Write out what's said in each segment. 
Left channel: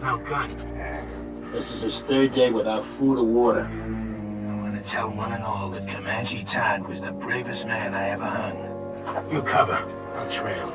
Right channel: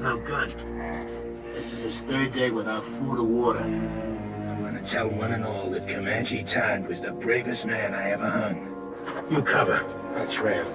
no gun. This is his third day without food or water. I'm gonna tell one and all that Comanche Todd was the bravest man I ever hung. You cover. I'll trail.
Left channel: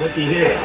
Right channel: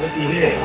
Looky here.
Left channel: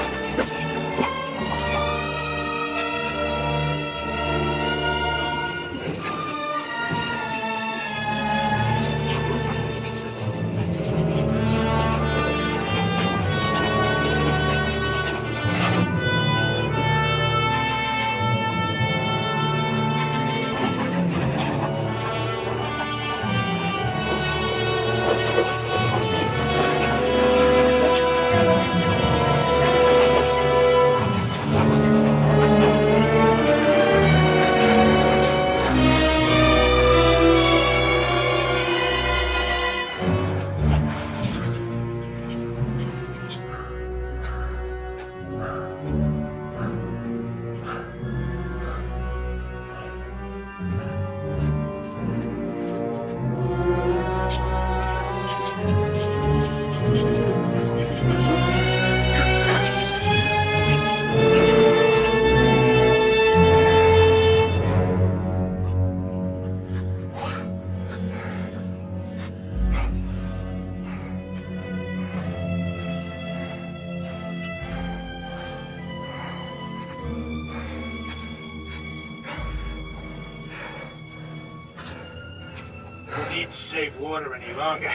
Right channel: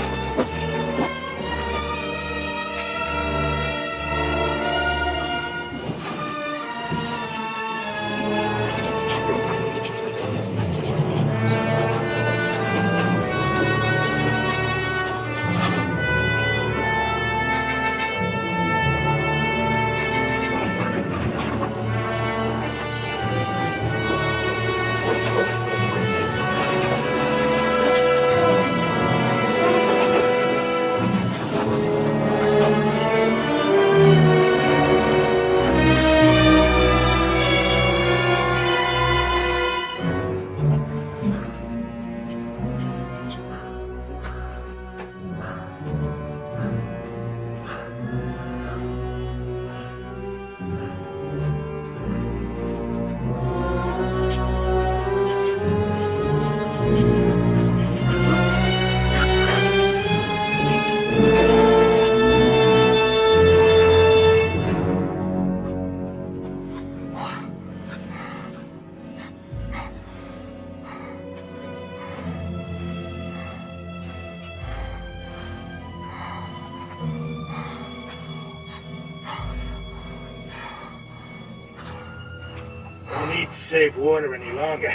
No need to save water any longer.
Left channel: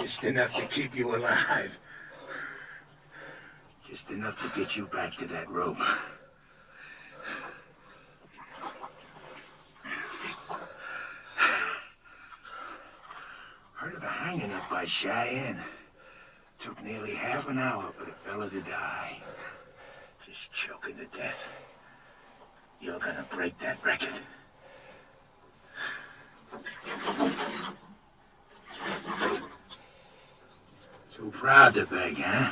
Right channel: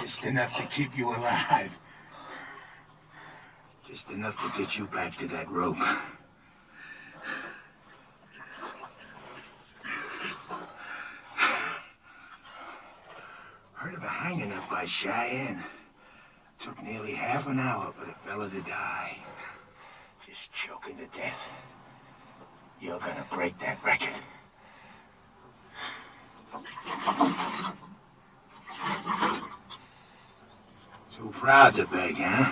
Just enough to keep you alive. Just enough to get you back to that rope. Heard of a hanging up by Cheyenne. Took nearly half an hour for the fella to die. Just choking to death. You're gonna break that record. Too proud to beg, huh?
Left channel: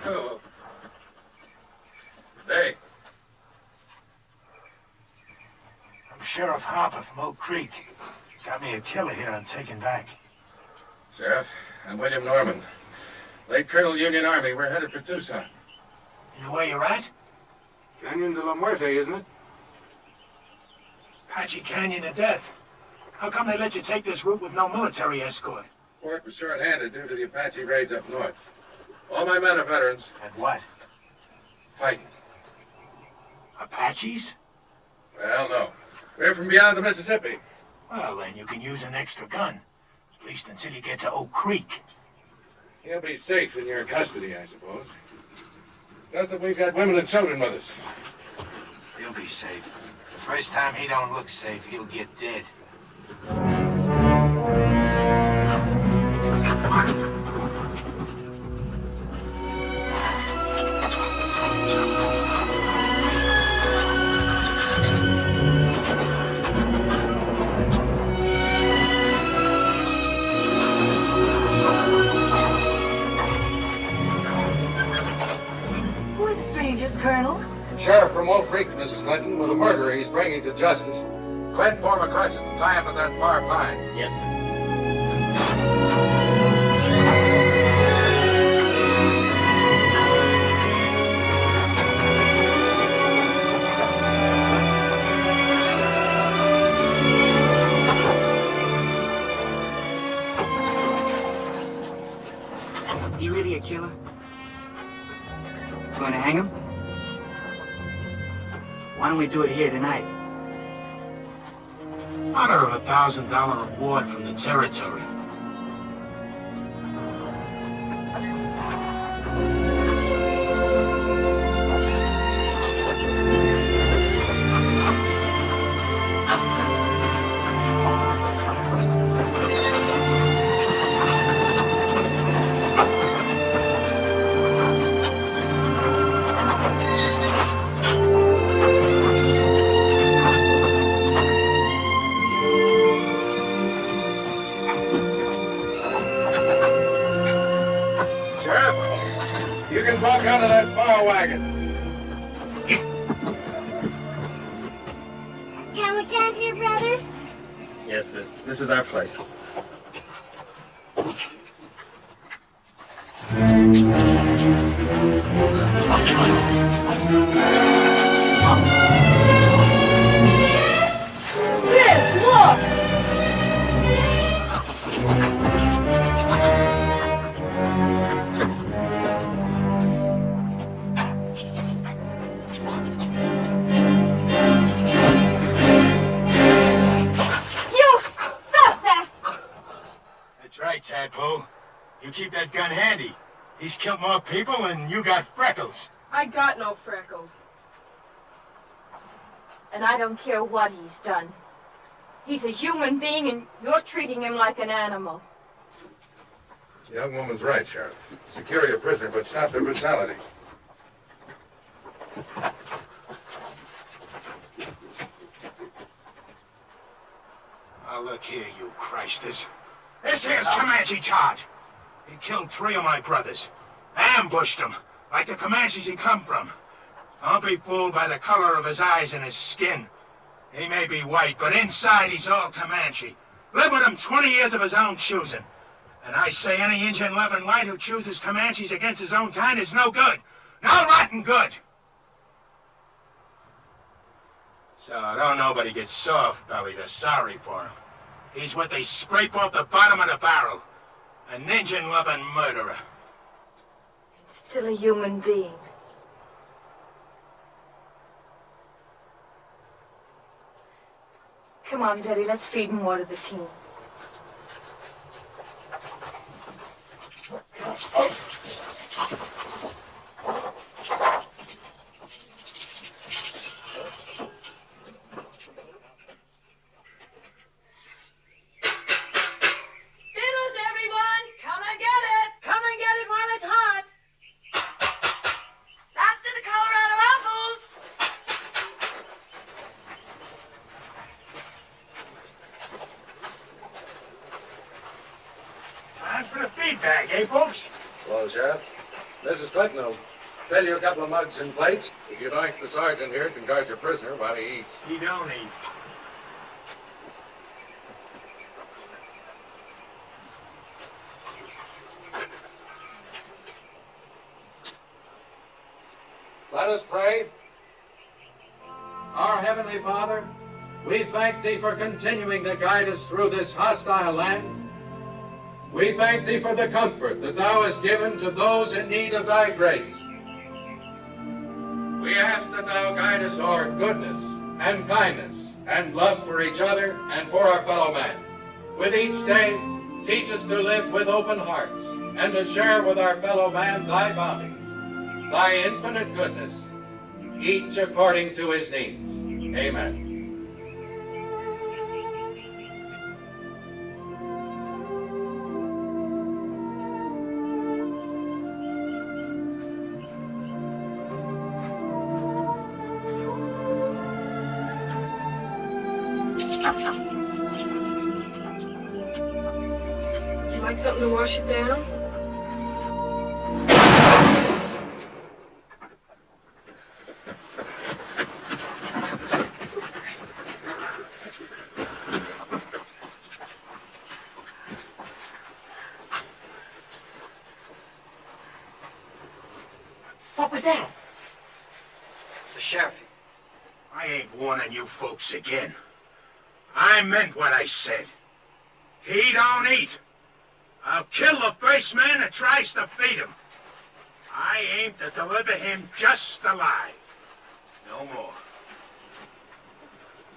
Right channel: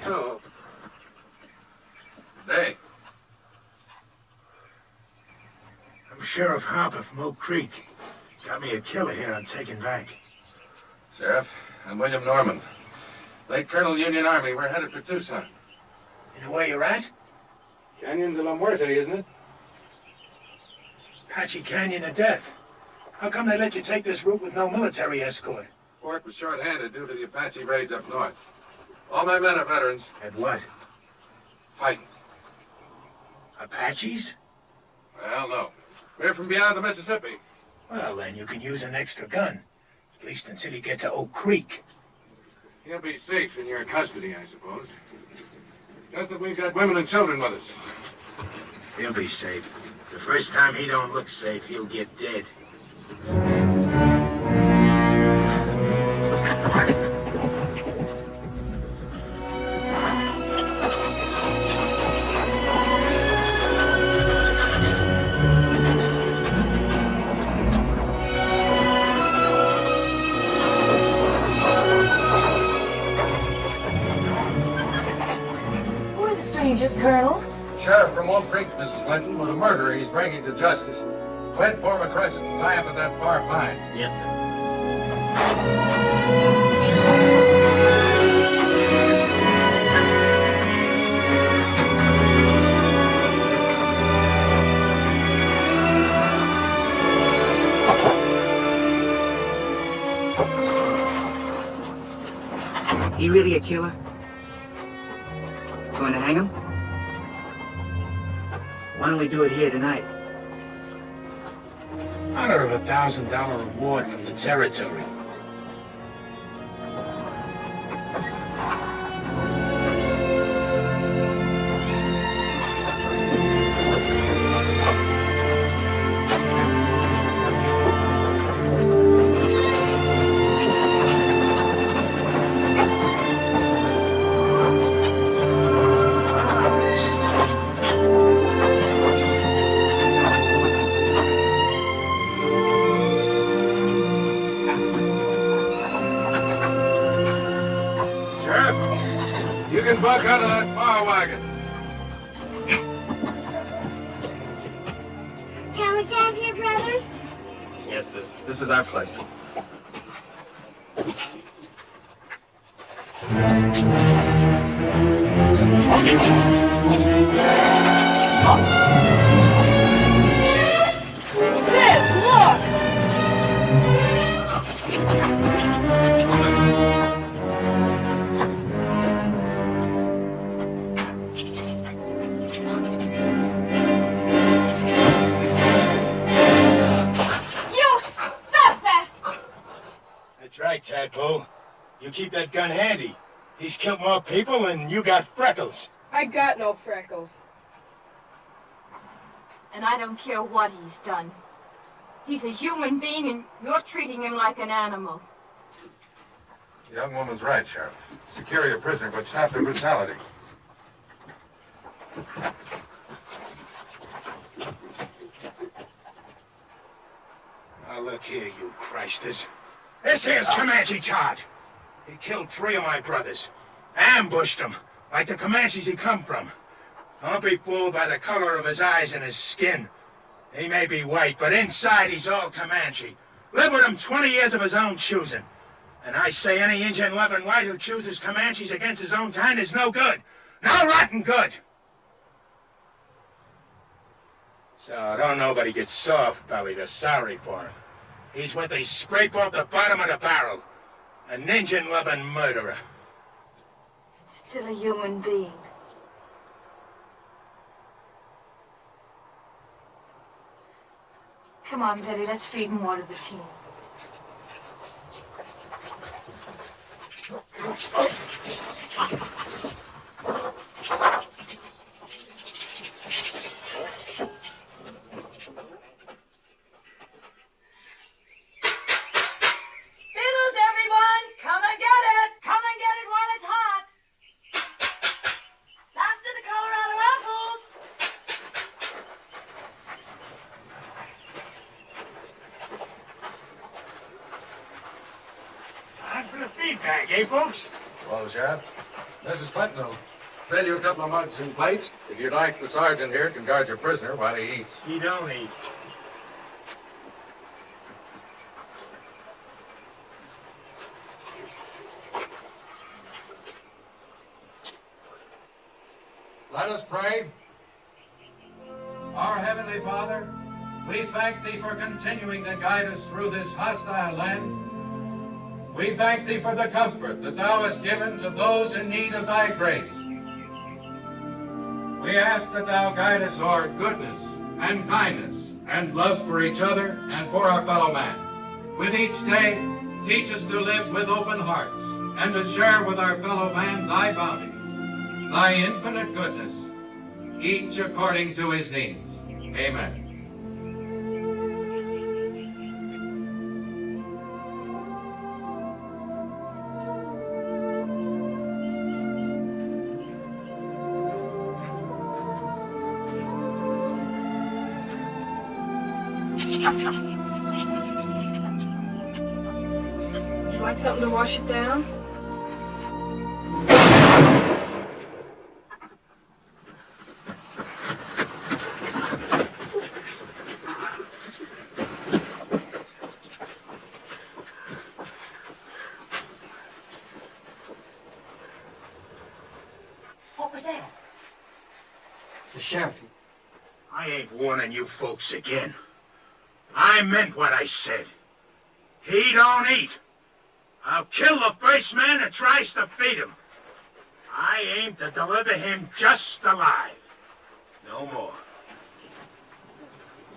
Hello. Hey. I'm Sheriff Harper from Oak Creek. Got me a killer here I'm taking back. Sheriff, I'm William Norman. Late Colonel Union Army. We're headed for Tucson. You know where you're at? Canyon de la Muerte, isn't it? Apache Canyon of Death. How come they let you take this route with no military escort? Fort was short-handed due to the Apache raids up north. All my men are veterans. And what? Fighting. Apaches? Well, no. We're from beyond the Mississippi. Well, then you can use an extra gun. At least until you get to Oak Creek. He'll be safe in your custody, I suppose. Just that we've got women and children with us. He'll be safe. The first time he don't look safe, he'll get dead. Who are the strangers, Colonel? Sheriff from Oak Creek, Mrs. Clinton, with a murderer he's bringing to justice. Clint, form a crescent and tie up at that far pine. Yes, sir. He really a killer? Going to hang him? Why don't we do it here tonight? Honor of $1,000 reward from the territory. You can buck out of that far wagon. Can we camp here, brother? Yes, sis. This is our place. Sis, look! You stop that! That's right, Tadpole. You keep that gun handy. He's killed more people than you got freckles. I got no freckles. And I don't care what he's done. He's a human being, and you're treating him like an animal. The young woman's right, Sheriff. Secure your prisoner, but stop the brutality. Now look here, you Christers. This here's Comanche Todd. He killed 3 of my brothers. Ambushed them, like the Comanches he come from. Don't be fooled by the color of his eyes and his skin. He may be white, but inside he's all Comanche. Lived with him 20 years of his own choosing. And I say any Indian loving white who chooses Comanches against his own kind is no good. No rotten good. So don't nobody get soft-bellied or sorry for him. He's what they scrape off the bottom of the barrel. An Indian-loving murderer. Still a human being. Come on, Betty, let's feed and water the team. Fiddles, everyone! Come and get it! Come and get it while it's hot! Faster to Colorado apples! Time for the feedback, eh, folks? Hello, Sheriff. Mrs. Clinton will fill you a couple of mugs and plates. If you'd like, the sergeant here can guard your prisoner while he eats. He don't eat. Let us pray. Our Heavenly Father, We thank thee for continuing to guide us through this hostile land. We thank thee for the comfort that thou hast given to those in need of thy grace. We ask that thou guide us our goodness and kindness and love for each other and for our fellow man. With each day, teach us to live with open hearts and to share with our fellow man thy bounties, thy infinite goodness, each according to his needs. Amen. Would you like something to wash it down? What was that? The sheriff. I ain't warning you folks again. I meant what I said. He don't eat. I'll kill the first man that tries to feed him. I aim to deliver him just alive. No more.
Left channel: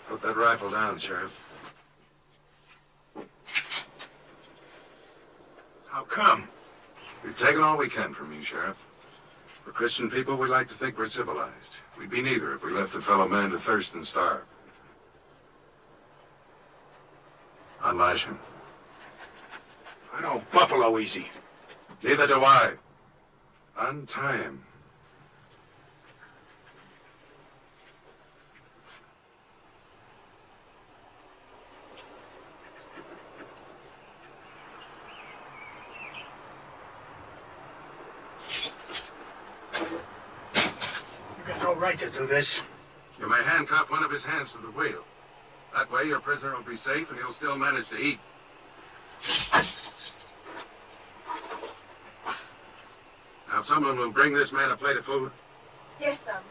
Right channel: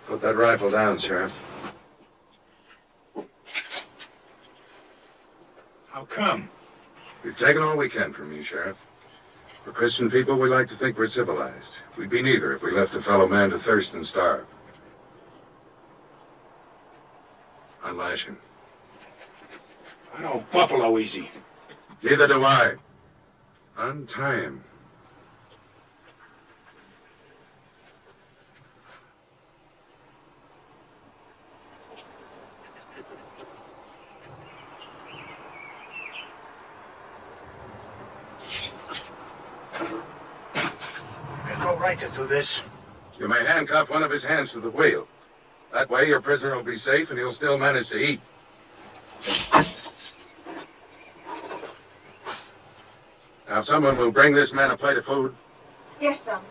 Put that rifle down, Sheriff. How come? We've taken all we can from you, Sheriff. We're Christian people, we like to think we're civilized. We'd be neither if we left a fellow man to thirst and starve. Unlash him. I don't buffalo easy. Neither do I. Untie him. You got no right to do this. You may handcuff one of his hands to the wheel. That way your prisoner will be safe and he'll still manage to eat. Now, if someone will bring this man a plate of food, Yes, son.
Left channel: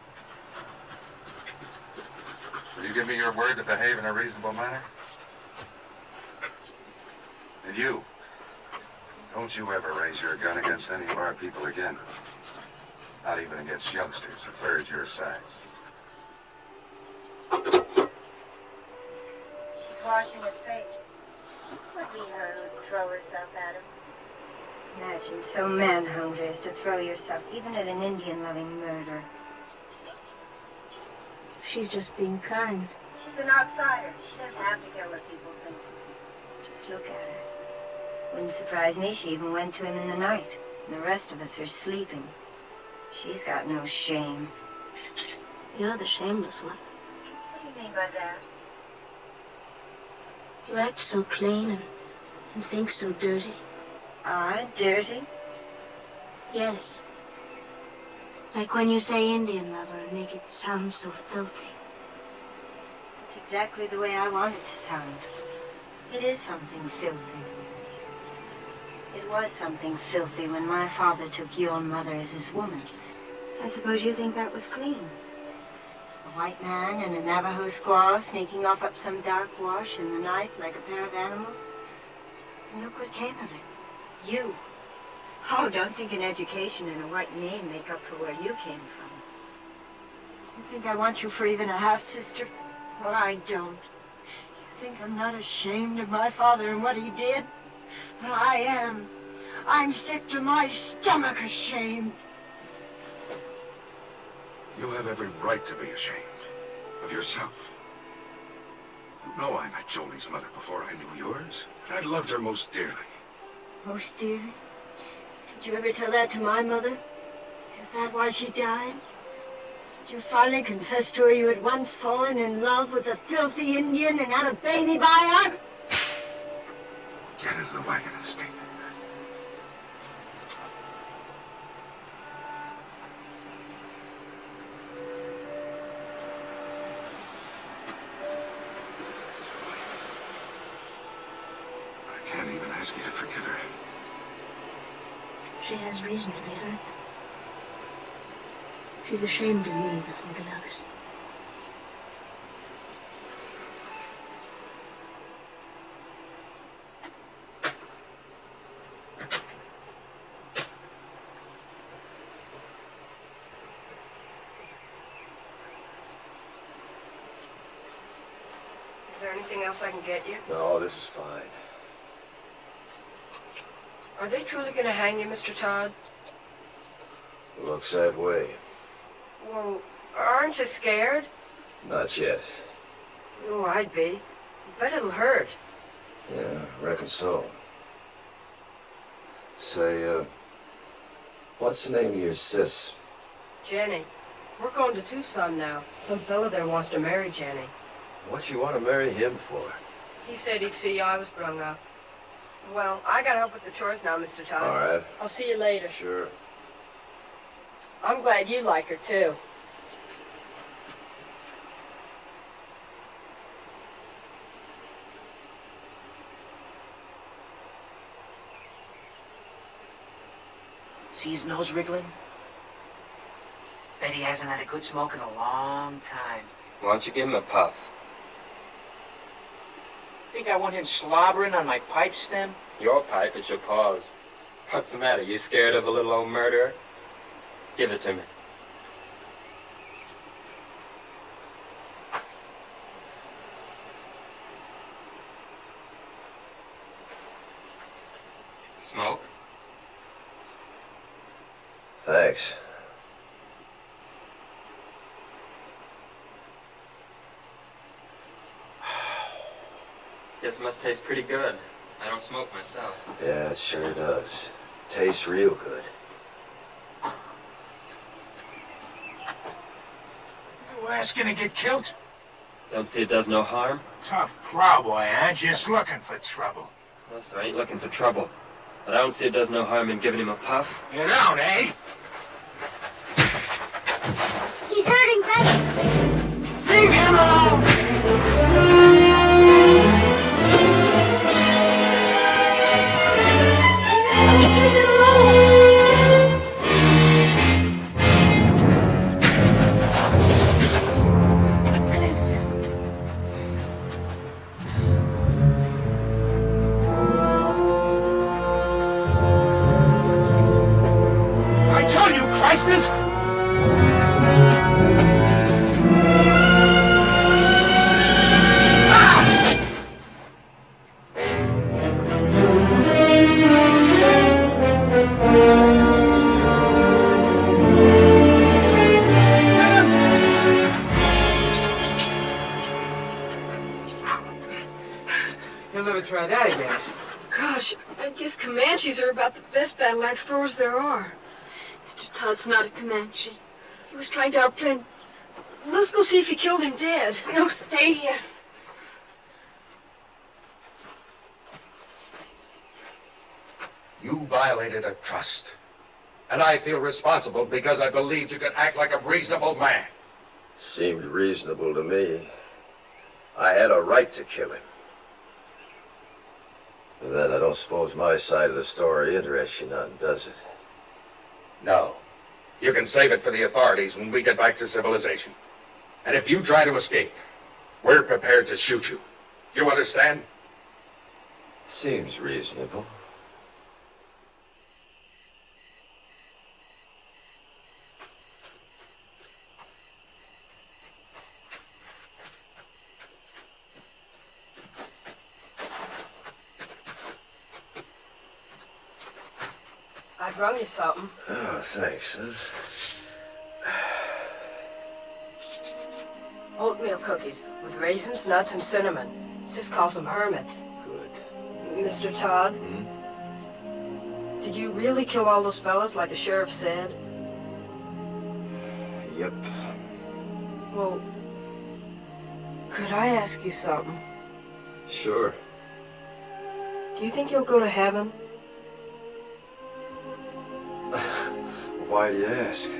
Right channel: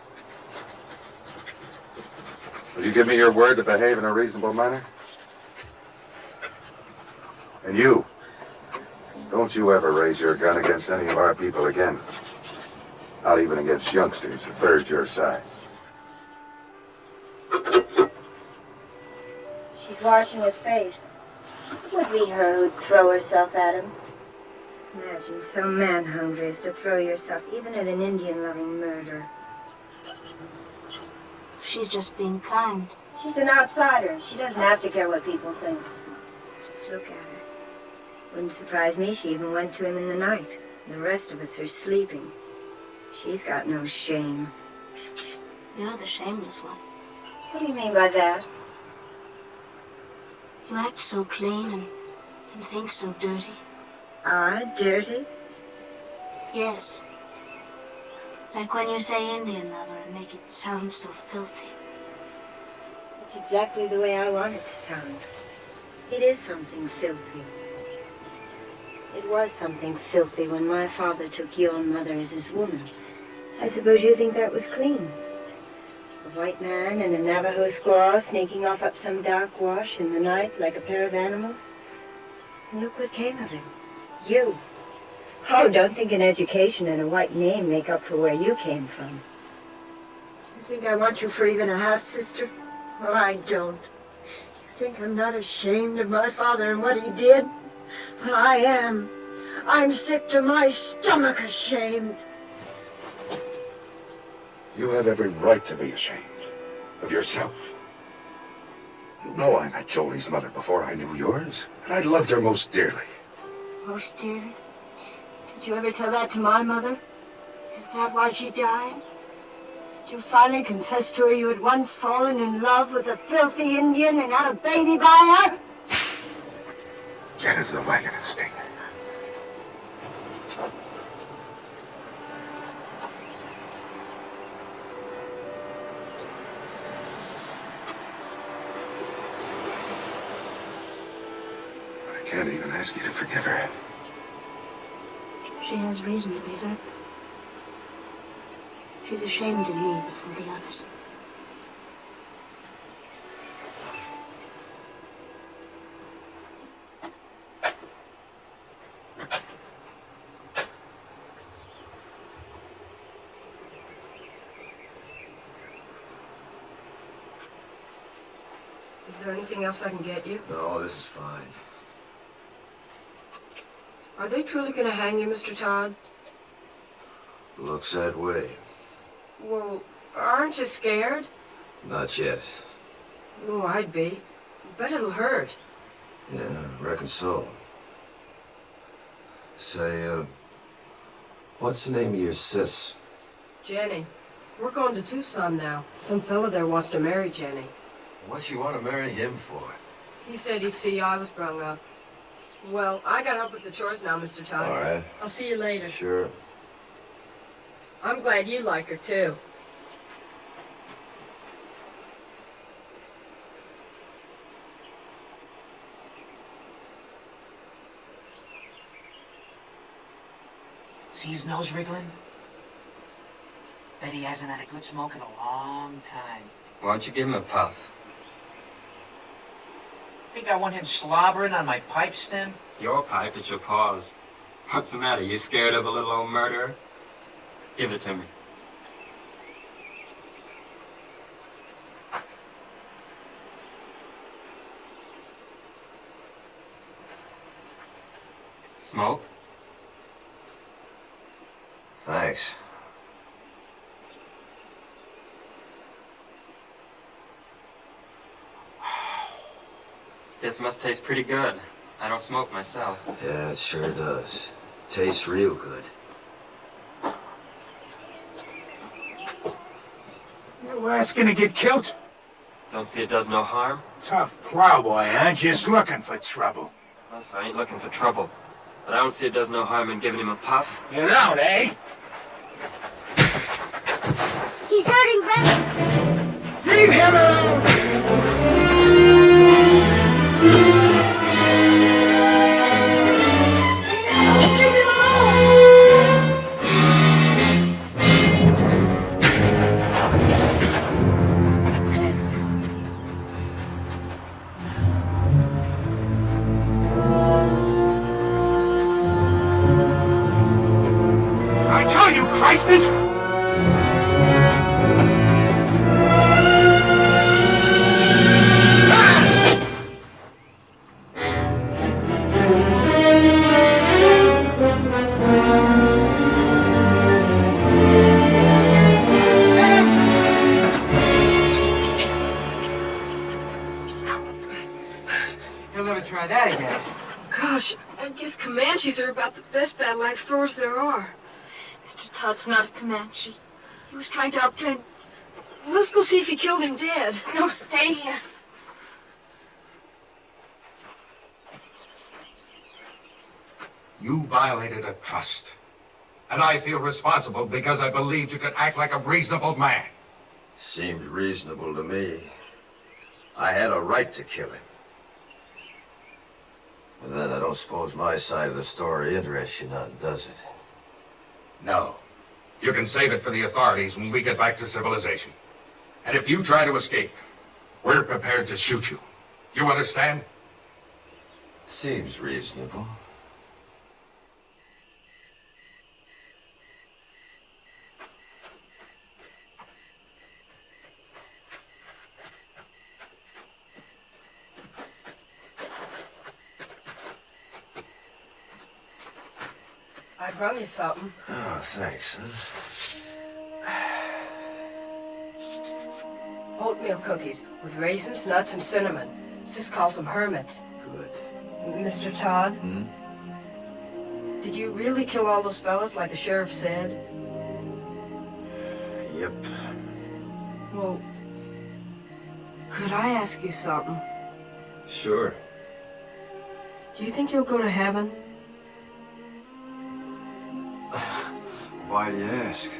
will you give me your word to behave in a reasonable manner? And you, don't you ever raise your gun against any of our people again. Not even against youngsters a third your size. She's washing his face. It would be her who'd throw herself at him. Imagine so man-hungry as to throw yourself even at an Indian-loving murderer. She's just being kind. She's an outsider. She doesn't have to care what people think. Just look at her. Wouldn't surprise me she even went to him in the night. And the rest of us are sleeping. She's got no shame. You're the shameless one. What do you mean by that? You act so clean and think so dirty. I dirty? Yes. Like when you say Indian lover and make it sound so filthy. It's exactly the way I want it to sound. It is something filthy. It was something filthy when my father took your mother as his woman. I suppose you think that was clean. A white man and a Navajo squaw sneaking off up some dark wash in the night like a pair of animals. And look what came of it. You. Oh, don't think an education and a white name make up for where you came from. You think I want you for even a half-sister? Well, I don't. You think I'm not ashamed of my father and what he did? Well, I am. I'm sick to my stomach ashamed. You have every right to be ashamed of yourself. You know I met Jolie's mother before I knew yours, and I loved her most dearly. Most dearly? Did you ever tell that to my mother? Is that why she died? Did you finally confess to her you had once fallen in love with a filthy Indian and had a baby by her? Get into the wagon and stay there. I can't even ask you to forgive her. She has reason to be hurt. She's ashamed of me before the others. Is there anything else I can get you? No, this is fine. Are they truly going to hang you, Mr. Todd? Looks that way. Well, aren't you scared? Not yet. Oh, I'd be. Bet it'll hurt. Yeah, reckon so. Say, what's the name of your sis? Jenny. We're going to Tucson now. Some fella there wants to marry Jenny. What you want to marry him for? He said he'd see I was brung up. Well, I got up with the chores now, Mr. Todd. All right. I'll see you later. Sure. I'm glad you like her, too. See his nose wriggling? Bet he hasn't had a good smoke in a long time. Why don't you give him a puff? Think I want him slobbering on my pipe stem? Your pipe, it's your paws. What's the matter? You scared of a little old murderer? Give it to me. Smoke? Thanks. This must taste pretty good. I don't smoke myself. Yeah, it sure does. Tastes real good. You asking to get killed? Don't see it does no harm? Tough plowboy, huh? Just looking for trouble. No, sir, I ain't looking for trouble. But I don't see it does no harm in giving him a puff. You don't, eh? He's hurting Betty. Leave him alone! I told you, Christus! You'll never try that again. Gosh, I guess Comanches are about the best battle axe throwers there are. Mr. Todd's not a Comanche. He was trying to help Clint. Let's go see if he killed him dead. No, stay here. You violated a trust. And I feel responsible because I believed you could act like a reasonable man. Seemed reasonable to me. I had a right to kill him. But then I don't suppose my side of the story interests you none, does it? No. You can save it for the authorities when we get back to civilization. And if you try to escape, we're prepared to shoot you. You understand? Seems reasonable. I brung you something. Oh, thanks. Oatmeal cookies with raisins, nuts, and cinnamon. Sis calls them hermits. Good. Mr. Todd? Did you really kill all those fellas like the sheriff said? Yep. Well, could I ask you something? Sure. Do you think you'll go to heaven? Why do you ask?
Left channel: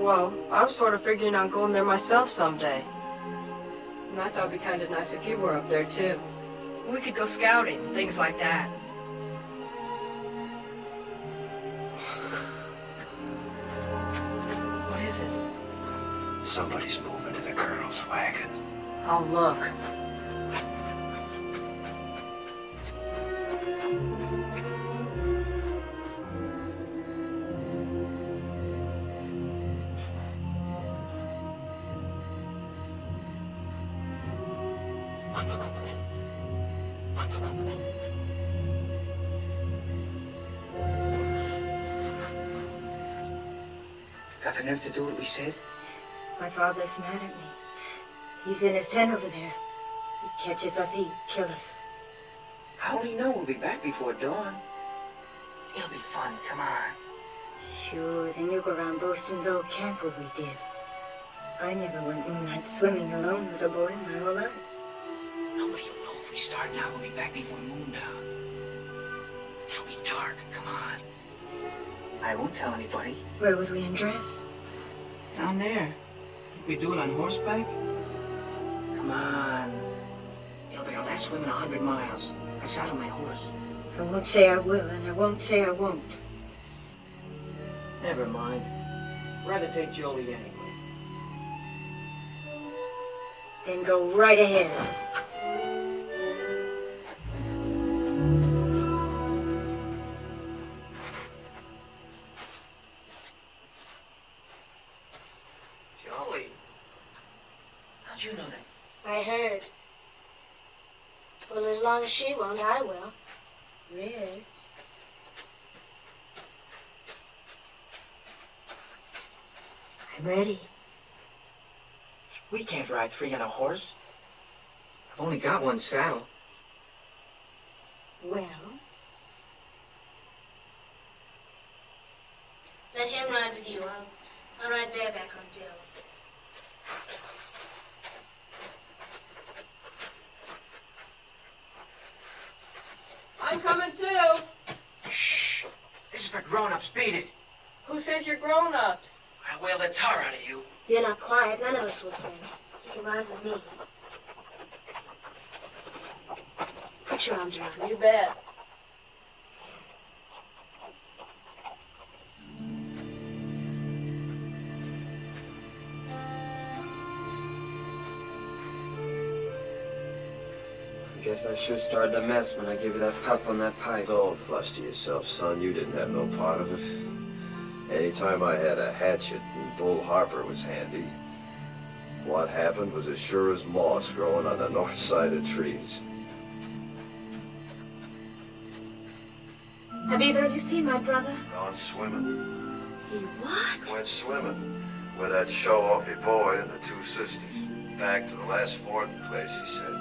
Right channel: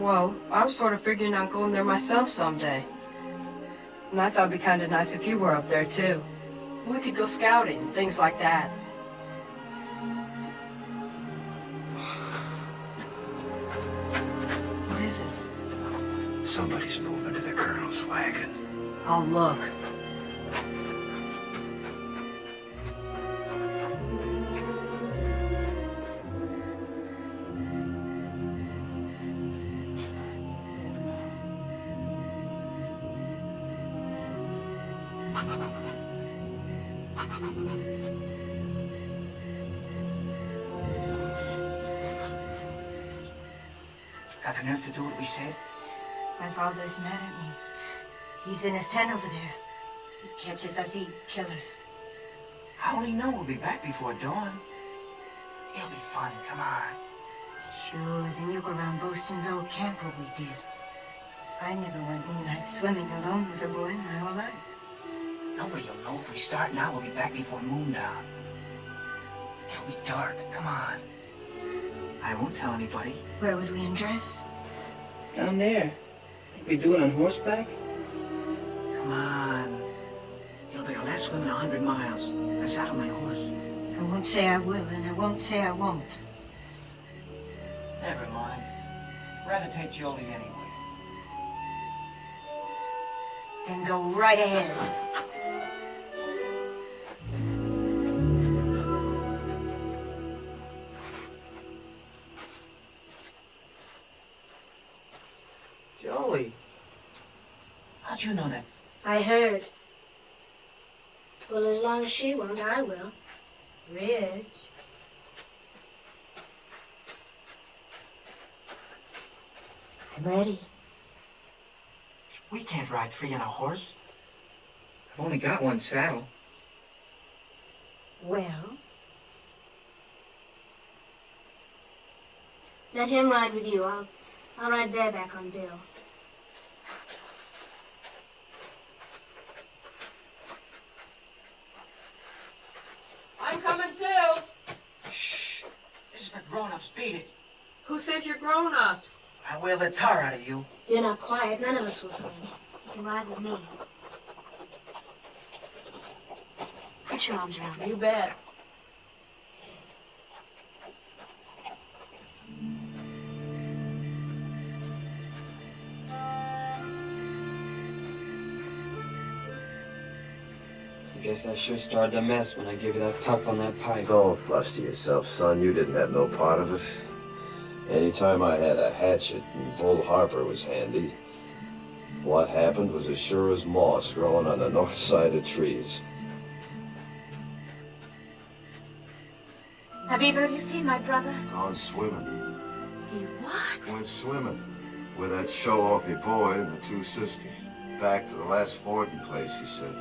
Well, I was sort of figuring on going there myself someday. And I thought it'd be kind of nice if you were up there, too. We could go scouting and things like that. What is it? Somebody's moving to the Colonel's wagon. I'll look. Got the nerve to do what we said? My father's mad at me. He's in his tent over there. He catches us, he'd kill us. How will he know we'll be back before dawn? It'll be fun, come on. Sure, then you go around boasting the old camp what we did. I never went moonlight swimming alone with a boy my whole life. Nobody'll know if we start now, we'll be back before moondown. It'll be dark, come on. I won't tell anybody. Where would we undress? Down there. Think we do it on horseback? Come on. It'll be our last swim in 100 miles. I saddle my horse. I won't say I will, and I won't say I won't. Never mind. Rather take Jolie anyway. Then go right ahead. Jolie. How'd you know that? I heard. Well, as long as she won't, I will. Ridge. I'm ready. We can't ride three on a horse. I've only got one saddle. Well, let him ride with you. I'll ride bareback on Bill. I'm coming too. Shh. This is for grown-ups. Beat it. Who says you're grown-ups? I'll whale the tar out of you. If you're not quiet, none of us will swim. You can ride with me. Put your arms around me. You bet. I guess I sure started a mess when I gave you that puff on that pipe. Don't fluster yourself, son. You didn't have no part of it. Anytime I had a hatchet and Bull Harper was handy, what happened was as sure as moss growing on the north side of trees. Have either of you seen my brother? Gone swimming. He what? Went swimming with that show-offy boy and the two sisters. Back to the last fording place, he said.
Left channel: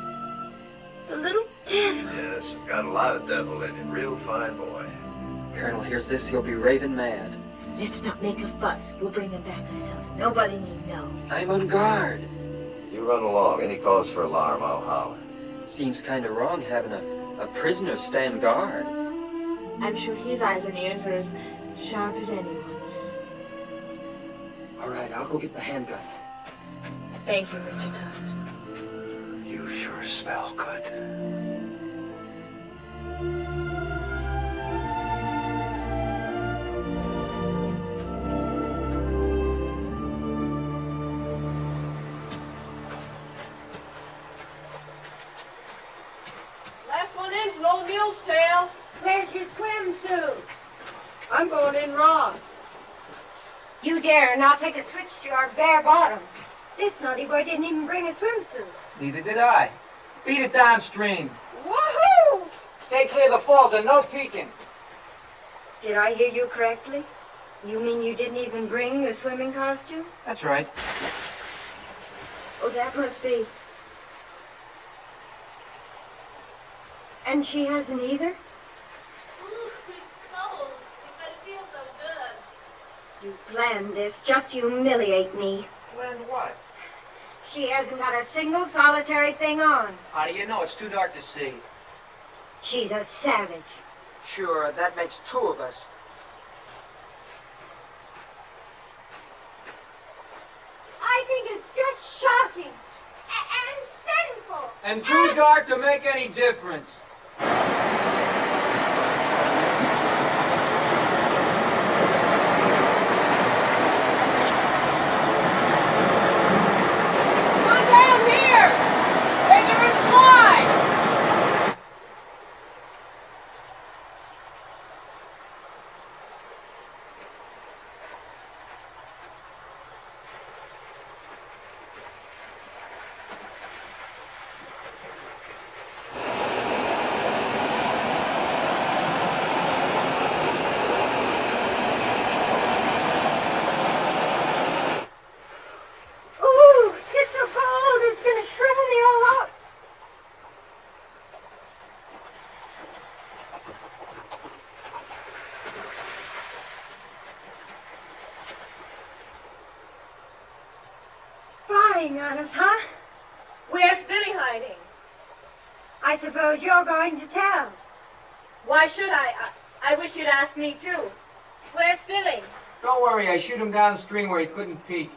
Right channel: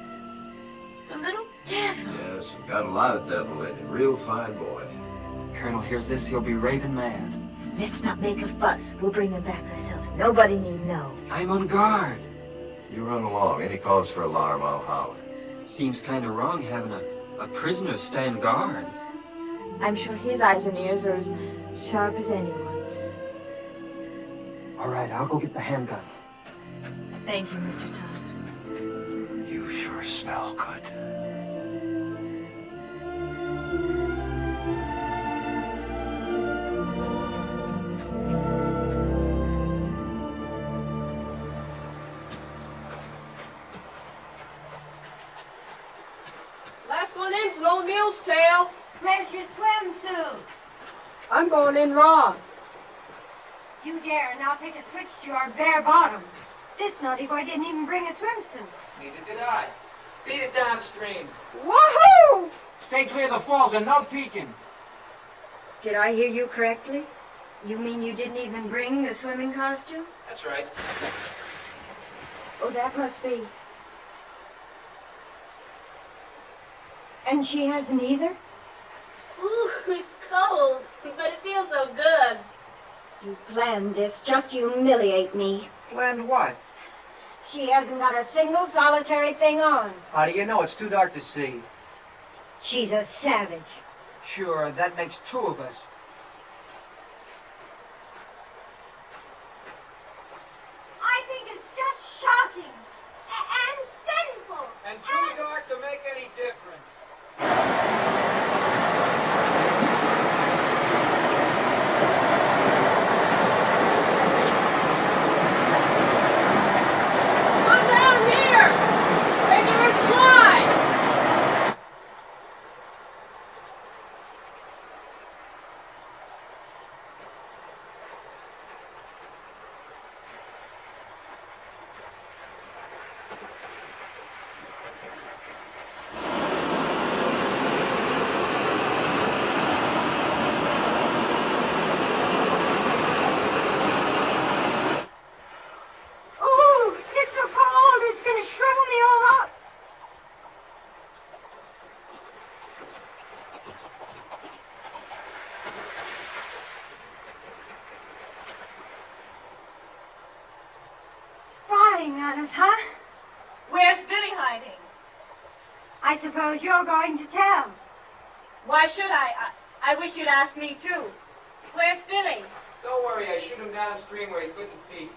The little devil. Yes, got a lot of devil in him. Real fine boy. Colonel hears this, he'll be raving mad. Let's not make a fuss. We'll bring him back ourselves. Nobody need know. I'm on guard. You run along. Any cause for alarm, I'll holler. Seems kind of wrong having a prisoner stand guard. I'm sure his eyes and ears are as sharp as anyone's. All right, I'll go get the handgun. Thank you, Mr. Todd. You sure smell good. Last one in's an old mule's tail. Where's your swimsuit? I'm going in raw. You dare not take a switch to our bare bottom. This naughty boy didn't even bring a swimsuit. Neither did I. Beat it downstream. Woohoo! Stay clear of the falls and no peeking. Did I hear you correctly? You mean you didn't even bring the swimming costume? That's right. Oh, that must be. And she hasn't either? Ooh, it's cold, but it feels so good. You planned this just to humiliate me. Planned what? She hasn't got a single solitary thing on. How do you know? It's too dark to see. She's a savage. Sure, that makes two of us. I think it's just shocking and sinful. And too dark to make any difference. Come down here! Regular slide! spying on us, huh? Where's Billy hiding? I suppose you're going to tell. Why should I? I wish you'd ask me too. Where's Billy? Don't worry, I shoot him downstream where he couldn't peek.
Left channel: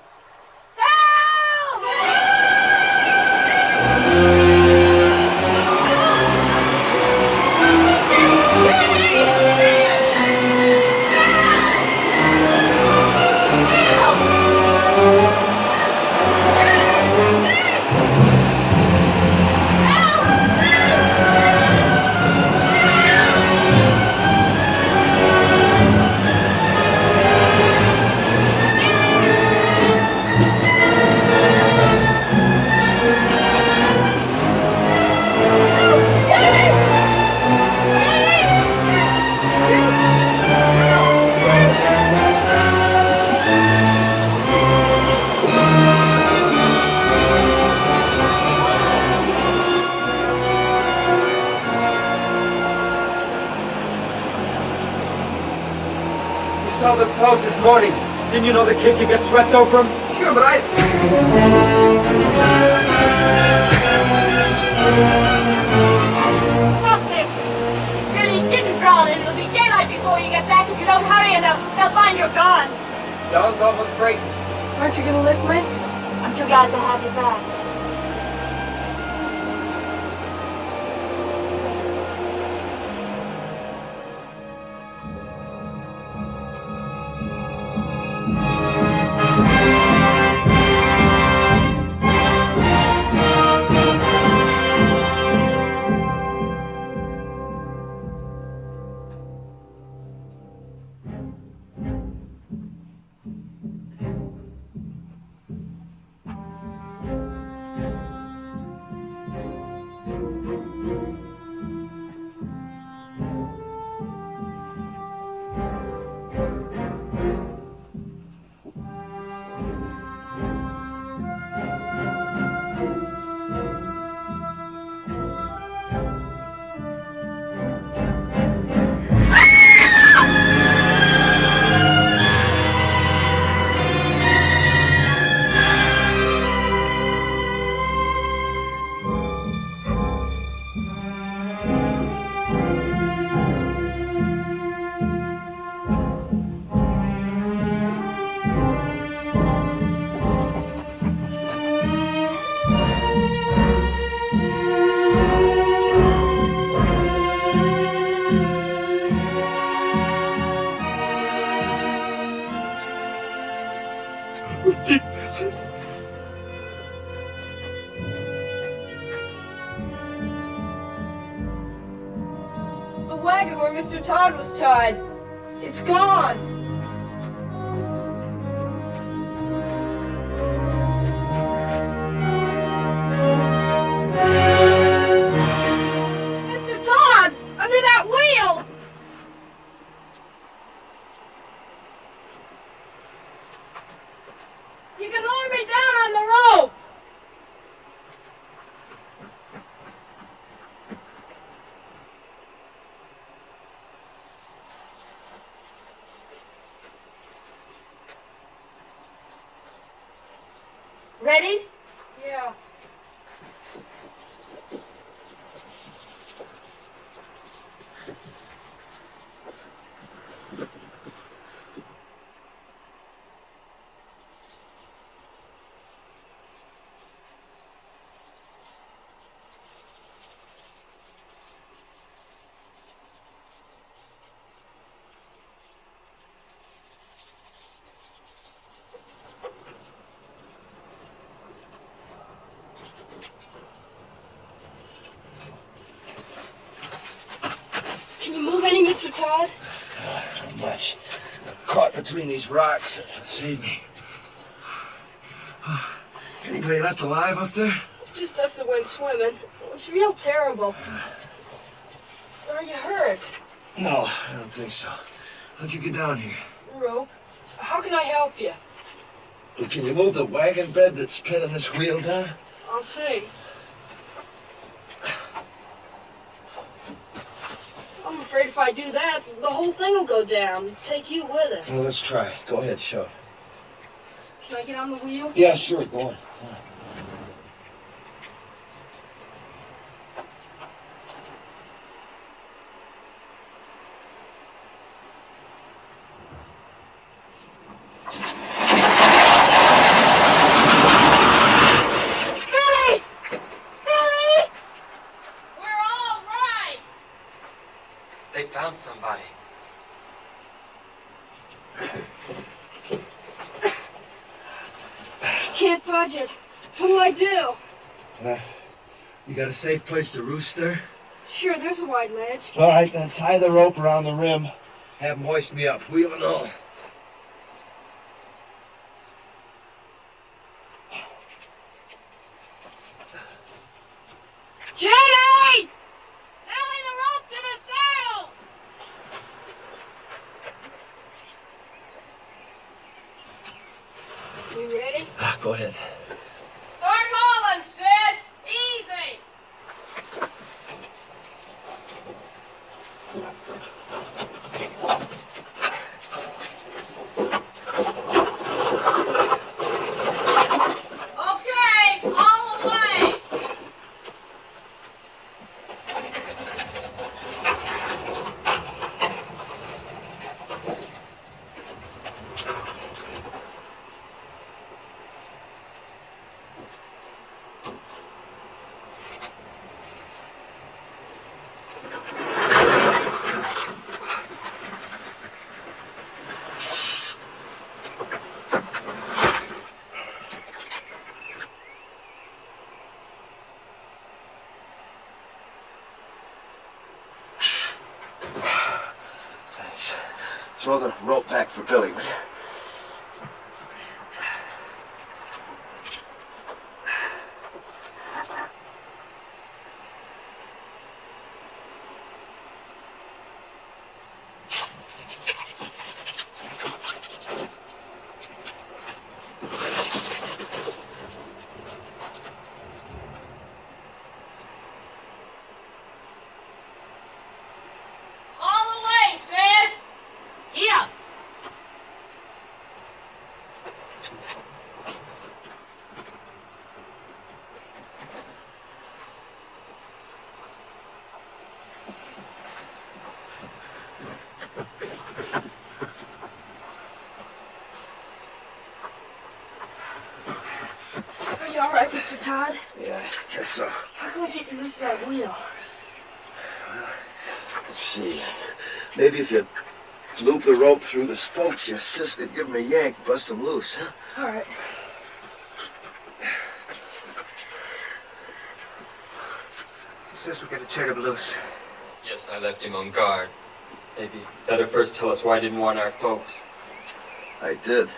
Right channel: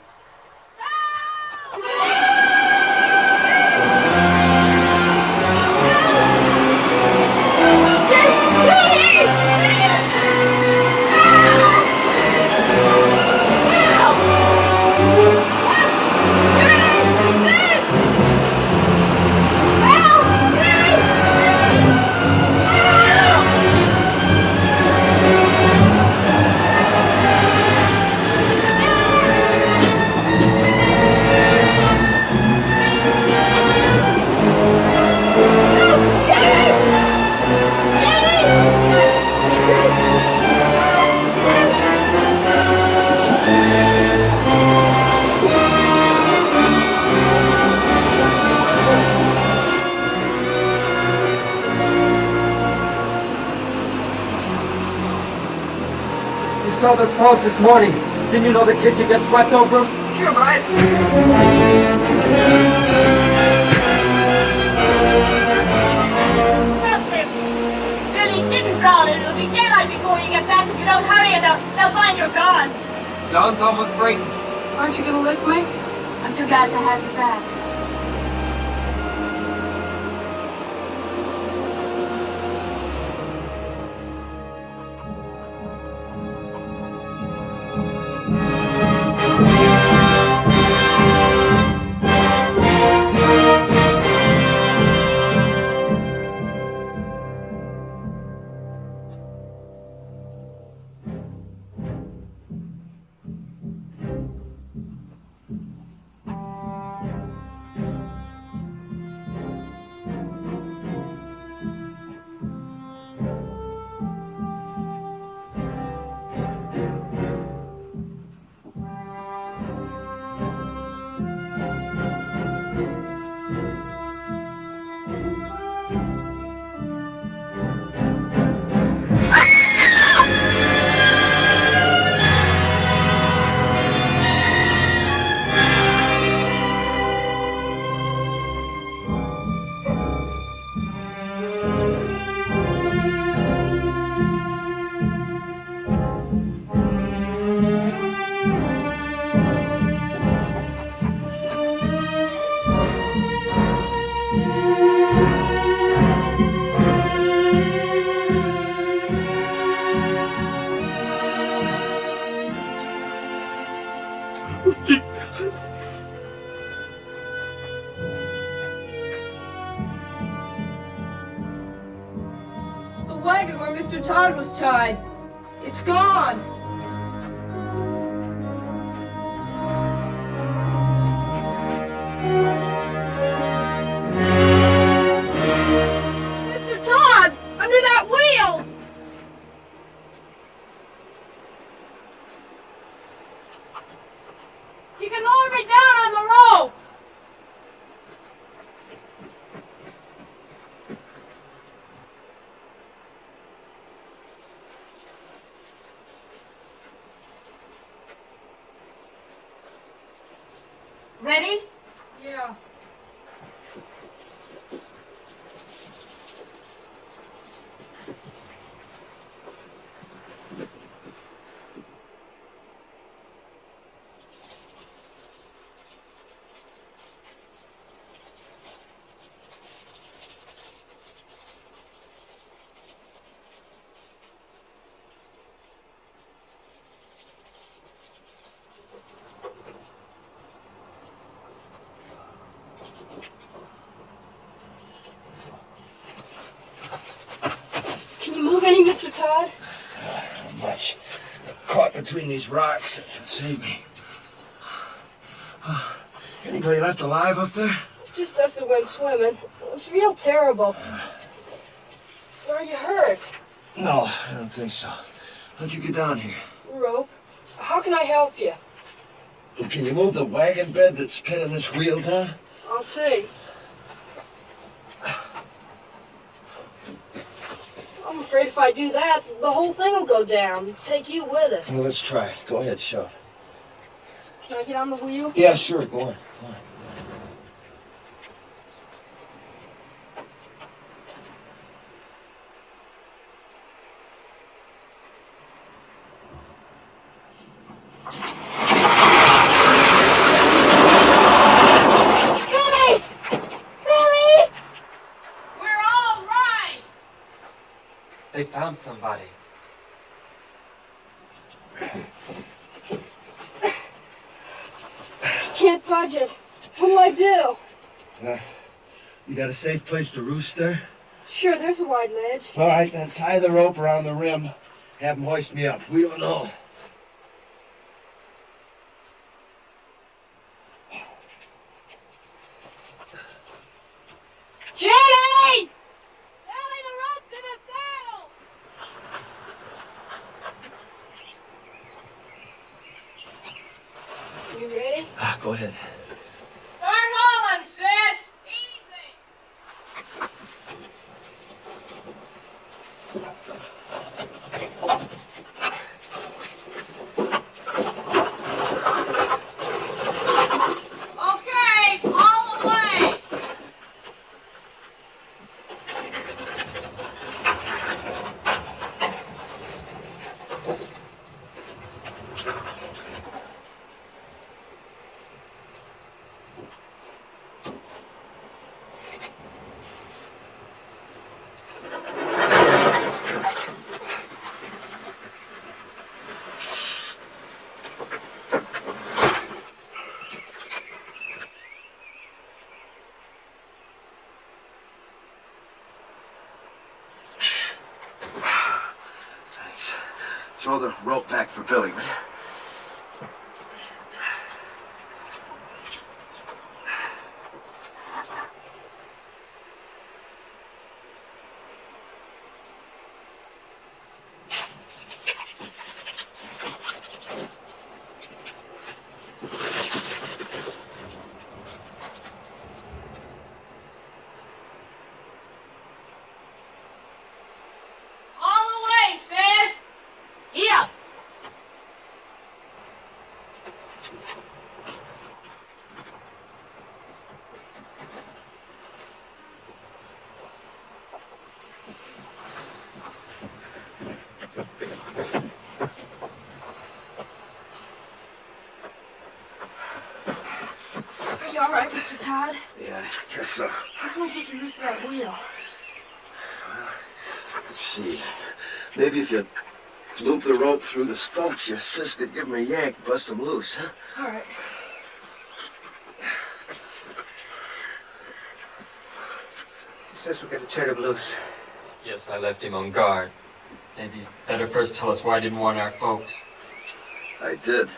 Saw those clothes this morning. Didn't you know the kid could get swept over him? Sure, but I... Stop this! Billy didn't drown and it'll be daylight before you get back. If you don't hurry, and they'll find you're gone. Dawn's almost breaking. Aren't you gonna lick me? I'm too glad to have you back. Wagon where Mr. Todd was tied. It's gone. Mr. Todd, under that wheel. You can lower me down on the rope. Ready? Yeah. Can you move any, Mr. Todd? Not much. Caught between these rocks. That's what saved me. Anybody left alive up there? Just us that went swimming. It's real terrible. Are you hurt? No, I don't think so. How'd you get down here? Rope. How can I help you? Well, can you move the wagon bed that's pinning this wheel down? I'll see. I'm afraid if I do that, the whole thing will go down. Take you with it. Well, let's try it. Go ahead, shove. Can I get on the wheel? Yeah, sure. Go on. Go found somebody. Can't budge it. What do I do? You got a safe place to roost there? Sure, there's a wide ledge. All right, then tie the rope around the rim. Have them hoist me up. We don't know. Judy! Nellie, the rope to the saddle! You ready? Go ahead. Start hauling, sis! Easy! Okay, haul away! Thanks. Throw the rope back for Billy, will you? Haul away, sis! Here! Are you all right, Mr. Todd? Yeah, I guess so. How can I get you loose of that wheel? Let's see. Maybe if you loop the rope through the spokes, your sis could give him a yank, bust him loose, huh? All right. Sis, we gotta turn him loose. Yes, I left him on guard. Maybe better first tell us why he didn't warn our folks. I did.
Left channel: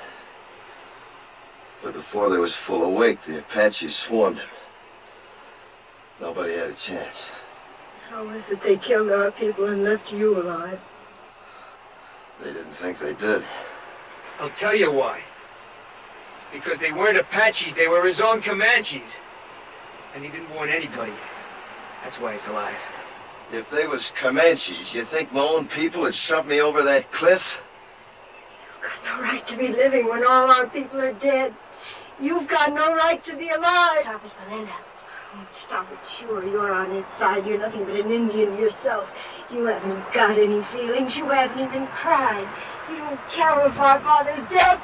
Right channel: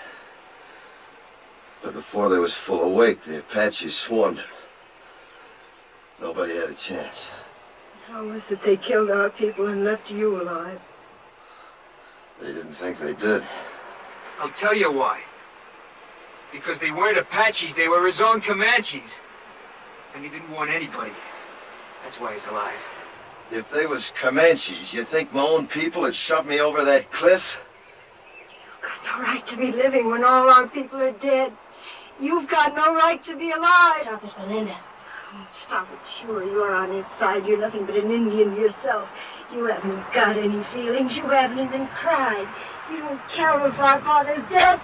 But before they was full awake, the Apaches swarmed him. Nobody had a chance. How was it they killed our people and left you alive? They didn't think they did. I'll tell you why. Because they weren't Apaches, they were his own Comanches. And he didn't warn anybody. That's why he's alive. If they was Comanches, you think my own people had shoved me over that cliff? You've got no right to be living when all our people are dead. You've got no right to be alive. Stop it, Belinda. Oh, stop it. Sure, you're on his side. You're nothing but an Indian yourself. You haven't got any feelings. You haven't even cried. You don't care if our father's dead.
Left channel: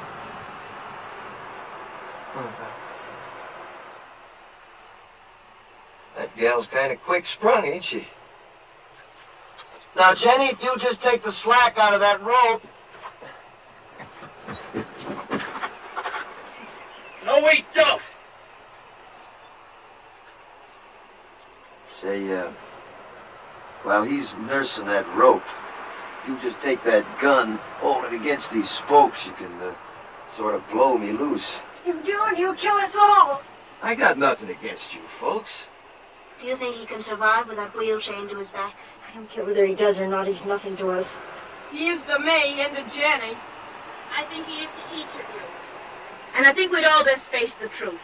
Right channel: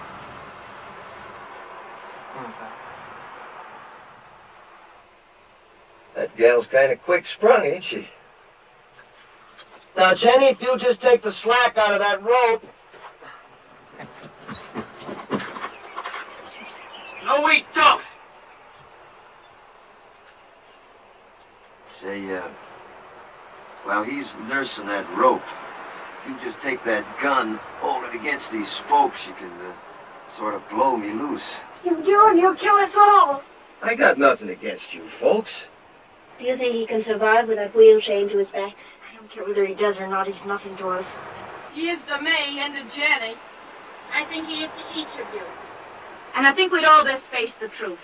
That gal's kind of quick-sprung, ain't she? Now, Jenny, if you'll just take the slack out of that rope. No, we don't! Say, while he's nursing that rope, you just take that gun, hold it against these spokes, you can, sort of blow me loose. You do, and you'll kill us all. I got nothing against you folks. Do you think he can survive with that wheel chained to his back? I don't care whether he does or not. He's nothing to us. He is to me and to Jenny. I think he is to each of you. And I think we'd all best face the truth.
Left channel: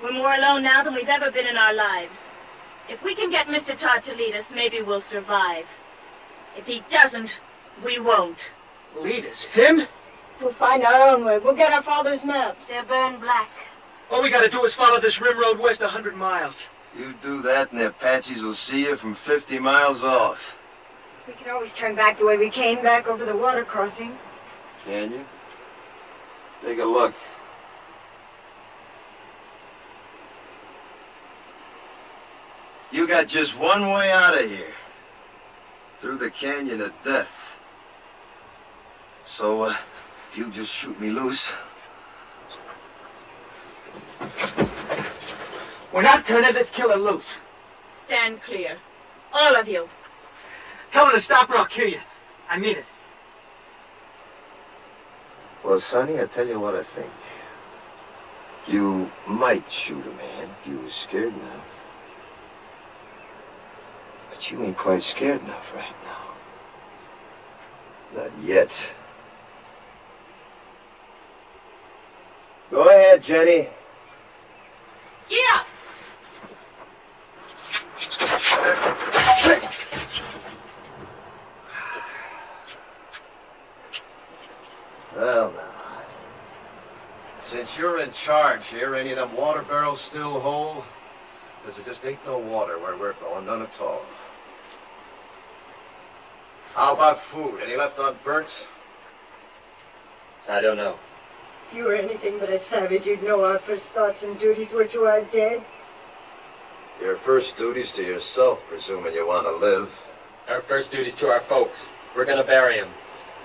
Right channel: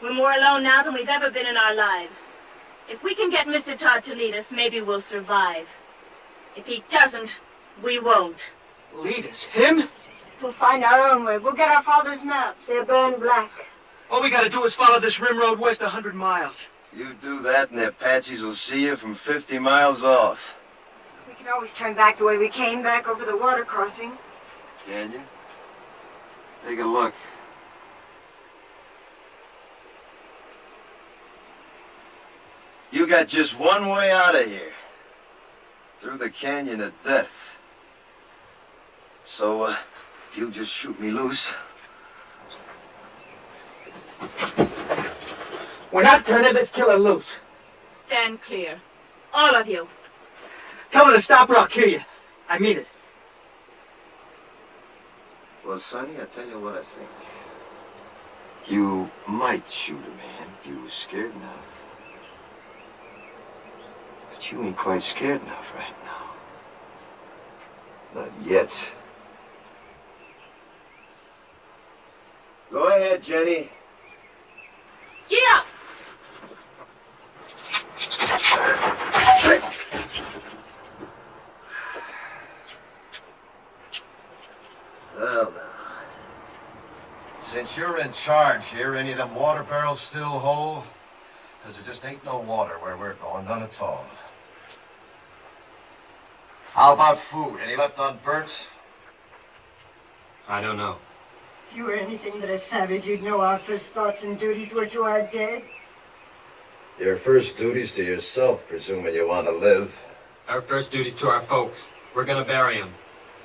We're more alone now than we've ever been in our lives. If we can get Mr. Todd to lead us, maybe we'll survive. If he doesn't, we won't. Lead us? Him? We'll find our own way. We'll get our father's maps. They're burned black. All we gotta do is follow this rim road west 100 miles. You do that and the Apaches will see you from 50 miles off. We can always turn back the way we came, back over the water crossing. Can you? Take a look. You got just one way out of here. through the canyon at death. So, if you just shoot me loose... We're not turning this killer loose. Stand clear. All of you. Tell her to stop or I'll kill you. I mean it. Well, Sonny, I tell you what I think. You might shoot a man if you were scared enough. But you ain't quite scared enough right now. Not yet. Go ahead, Jenny. Yeah. Well, now, since you're in charge here, any of them water barrels still whole? Because there just ain't no water where we're going, none at all. How about food? Any left unburnt? I don't know. If you were anything but a savage, you'd know our first thoughts and duties were to our dead. Your first duty's to yourself, presuming you want to live. Our first duty's to our folks. We're gonna bury him.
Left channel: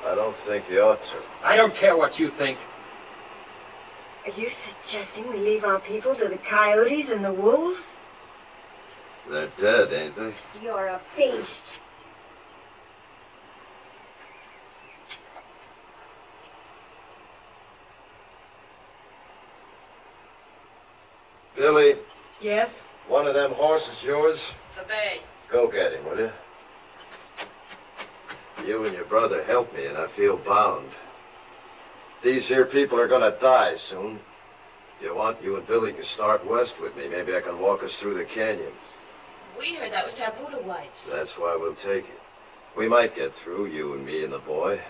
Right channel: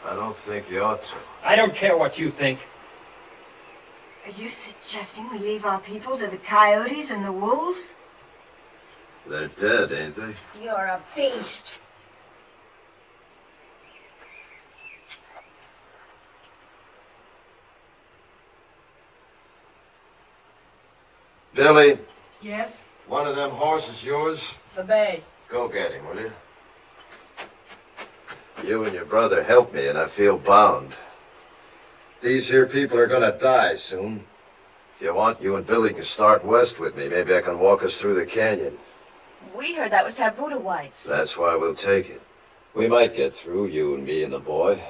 I don't think you ought to. I don't care what you think. Are you suggesting we leave our people to the coyotes and the wolves? They're dead, ain't they? You're a beast. Billy, Yes? one of them horses yours? The bay. Go get him, will you? You and your brother helped me, and I feel bound. These here people are gonna die soon. If you want, you and Billy can start west with me. Maybe I can walk us through the canyon. We heard that was Taputa Whites. That's why we'll take it. We might get through, you and me and the boy.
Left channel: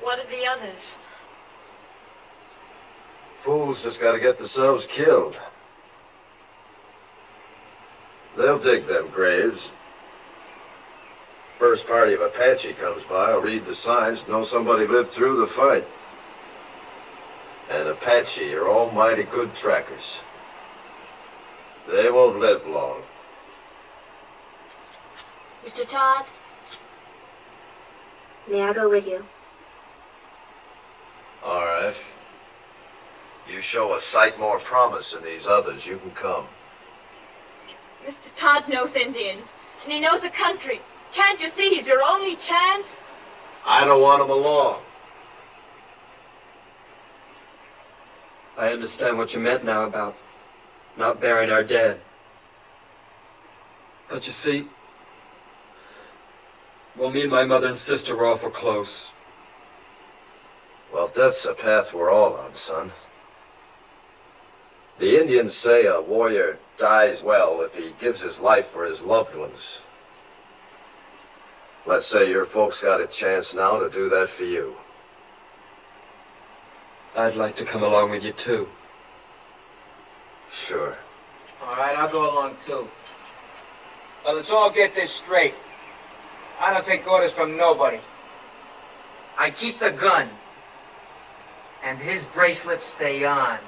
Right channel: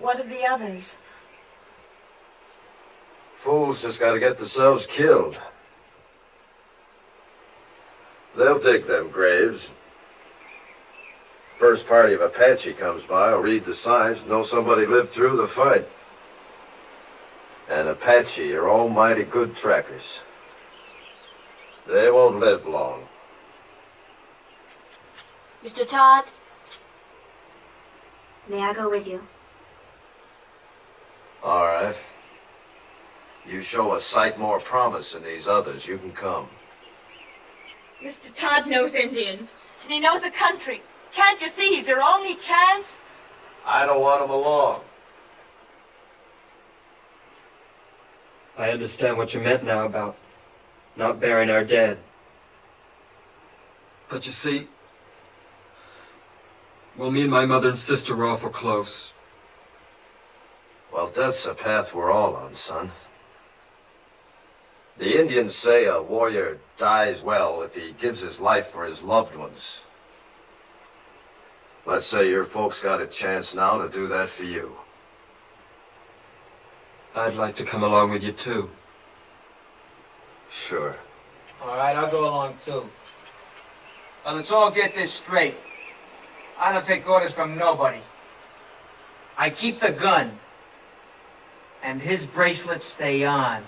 What of the others? Fools just gotta get themselves killed. They'll dig them graves. First party of Apache comes by, will read the signs, know somebody lived through the fight. And Apache are almighty good trackers. They won't live long. Mr. Todd, may I go with you? All right. You show a sight more promise than these others, you can come. Mr. Todd knows Indians, and he knows the country. Can't you see he's your only chance? I don't want him along. I understand what you meant now about not burying our dead. But you see, well, me and my mother and sister were awful close. Well, death's a path we're all on, son. The Indians say a warrior dies well if he gives his life for his loved ones. Let's say your folks got a chance now to do that for you. I'd like to come along with you, too. Sure. All right, I'll go along, too. Well, let's all get this straight. I don't take orders from nobody. I keep the gun. And his bracelets stay on.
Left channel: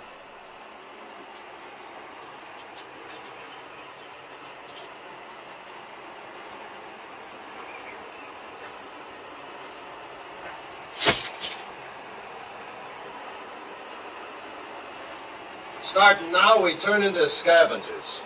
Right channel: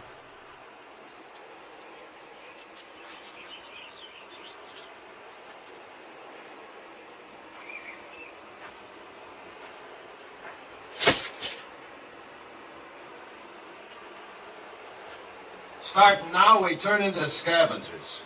Starting now, we turn into scavengers.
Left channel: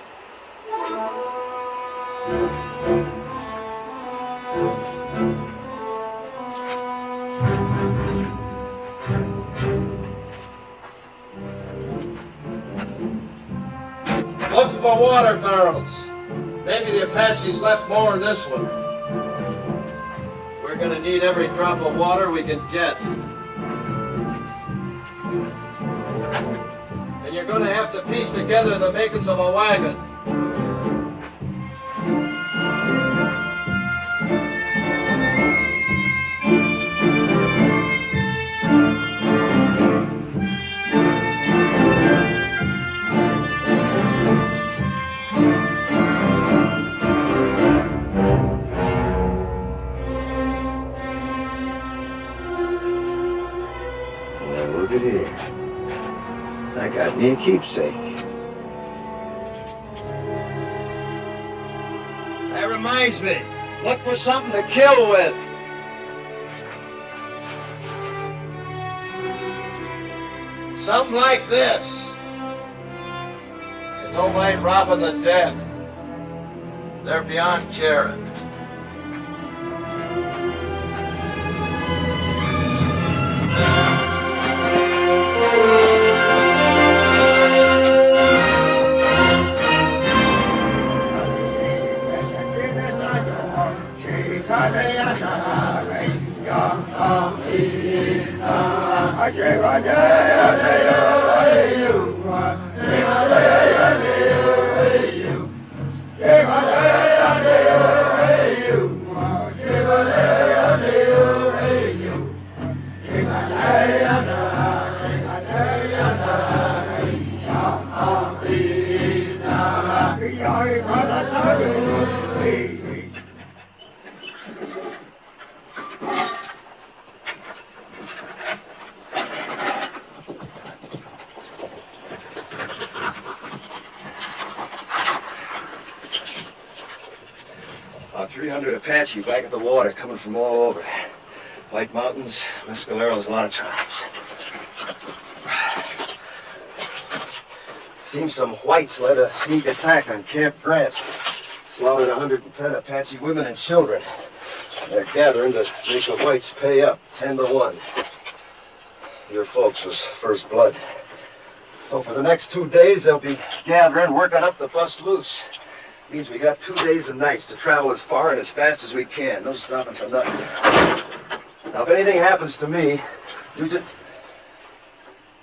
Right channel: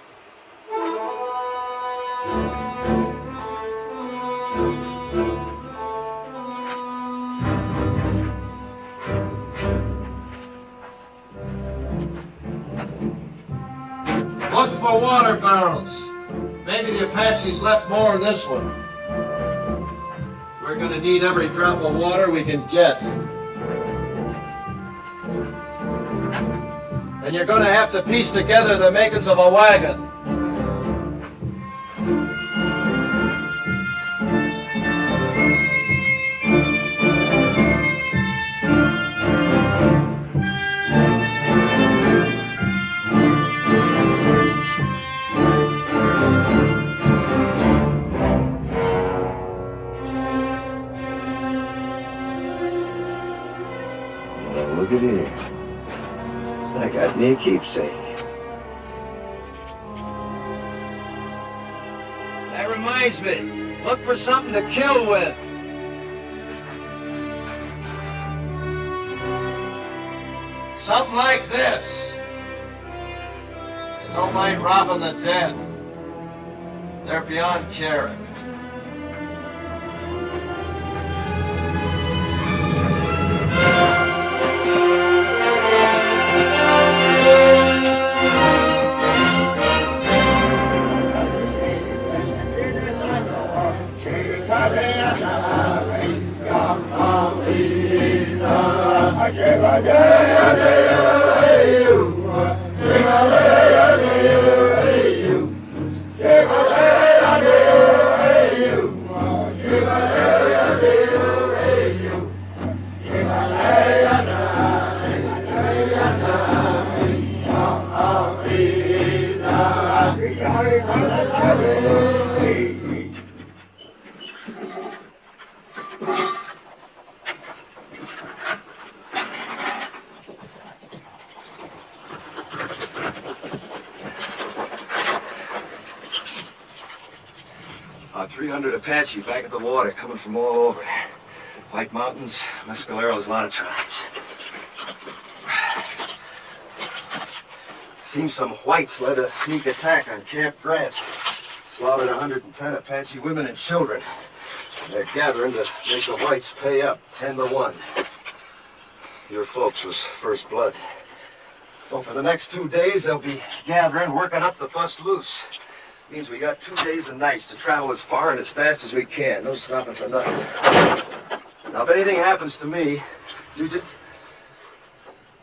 Look for water barrels. Maybe the Apaches left more in this one. We're gonna need every drop of water we can get. And you're gonna have to piece together the makings of a wagon. Now look at here. I got me a keepsake. That reminds me. Look for something to kill with. Something like this. And don't mind robbing the dead. They're beyond caring. About 300 Apache back at the water, coming from all over. White Mountains, Mescaleros, a lot of tribes. Seems some whites led a sneak attack on Camp Grant. Slaughtered 110 Apache women and children. They're gathering to make the whites pay up, 10-1. Your folks was first blood. So for the next 2 days, they'll be gathering, working up the bust loose. Means we got 2 days and nights to travel as far and as fast as we can. No stopping for nothing. Now, if anything happens to me, you just...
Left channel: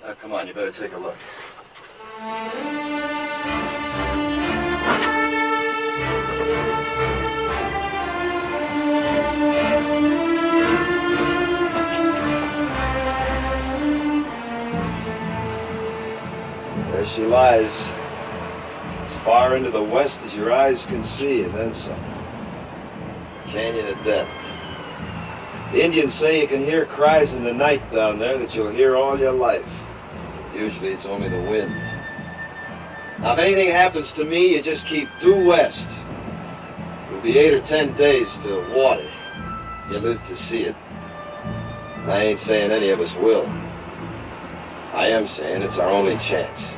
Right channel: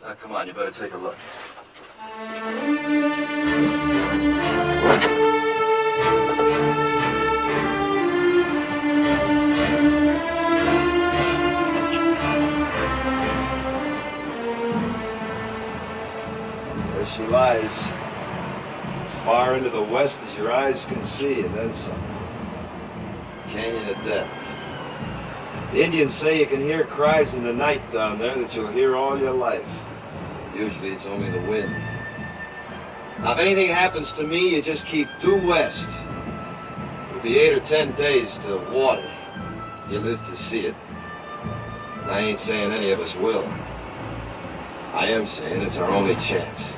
Now, come on, you better take a look. There she lies. As far into the west as your eyes can see, and then some. Canyon of Death. The Indians say you can hear cries in the night down there that you'll hear all your life. Usually it's only the wind. Now, if anything happens to me, you just keep due west. It'll be 8 or 10 days to water. You live to see it. I ain't saying any of us will. I am saying it's our only chance.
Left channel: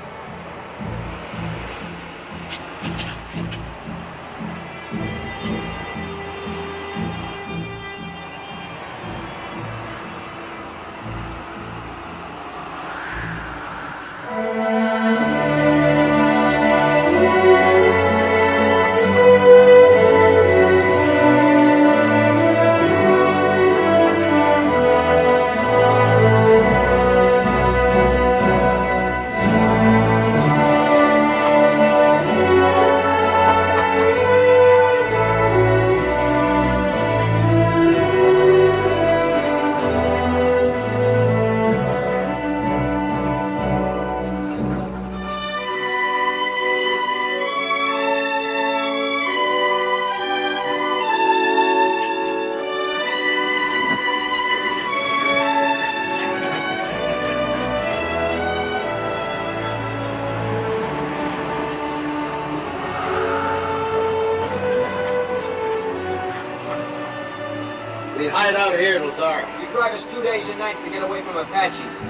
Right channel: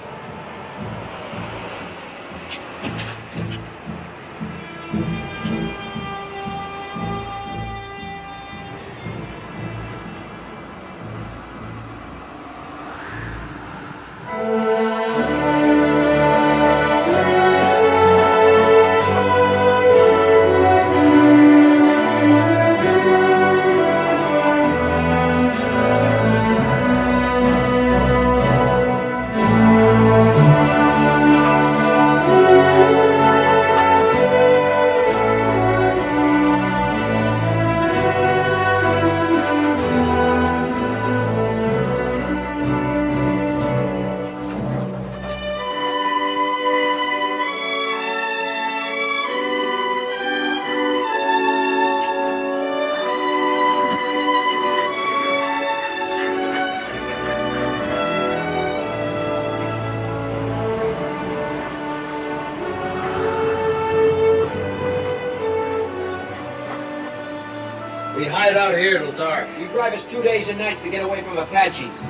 We hide out here till dark. You drive us 2 days and nights to get away from Apaches.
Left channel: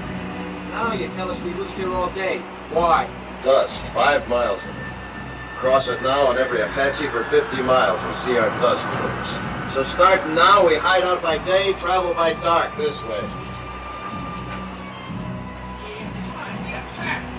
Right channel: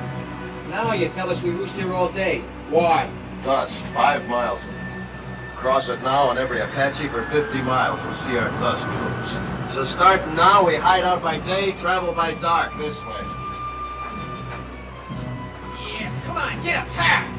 Now you tell us we roost here all day. Why? Dust, 5 miles of it. Cross it now on every Apache for 50 miles and see our dust killers. So starting now, we hide out by day, travel by dark this way. Yeah, come on, get up, fast!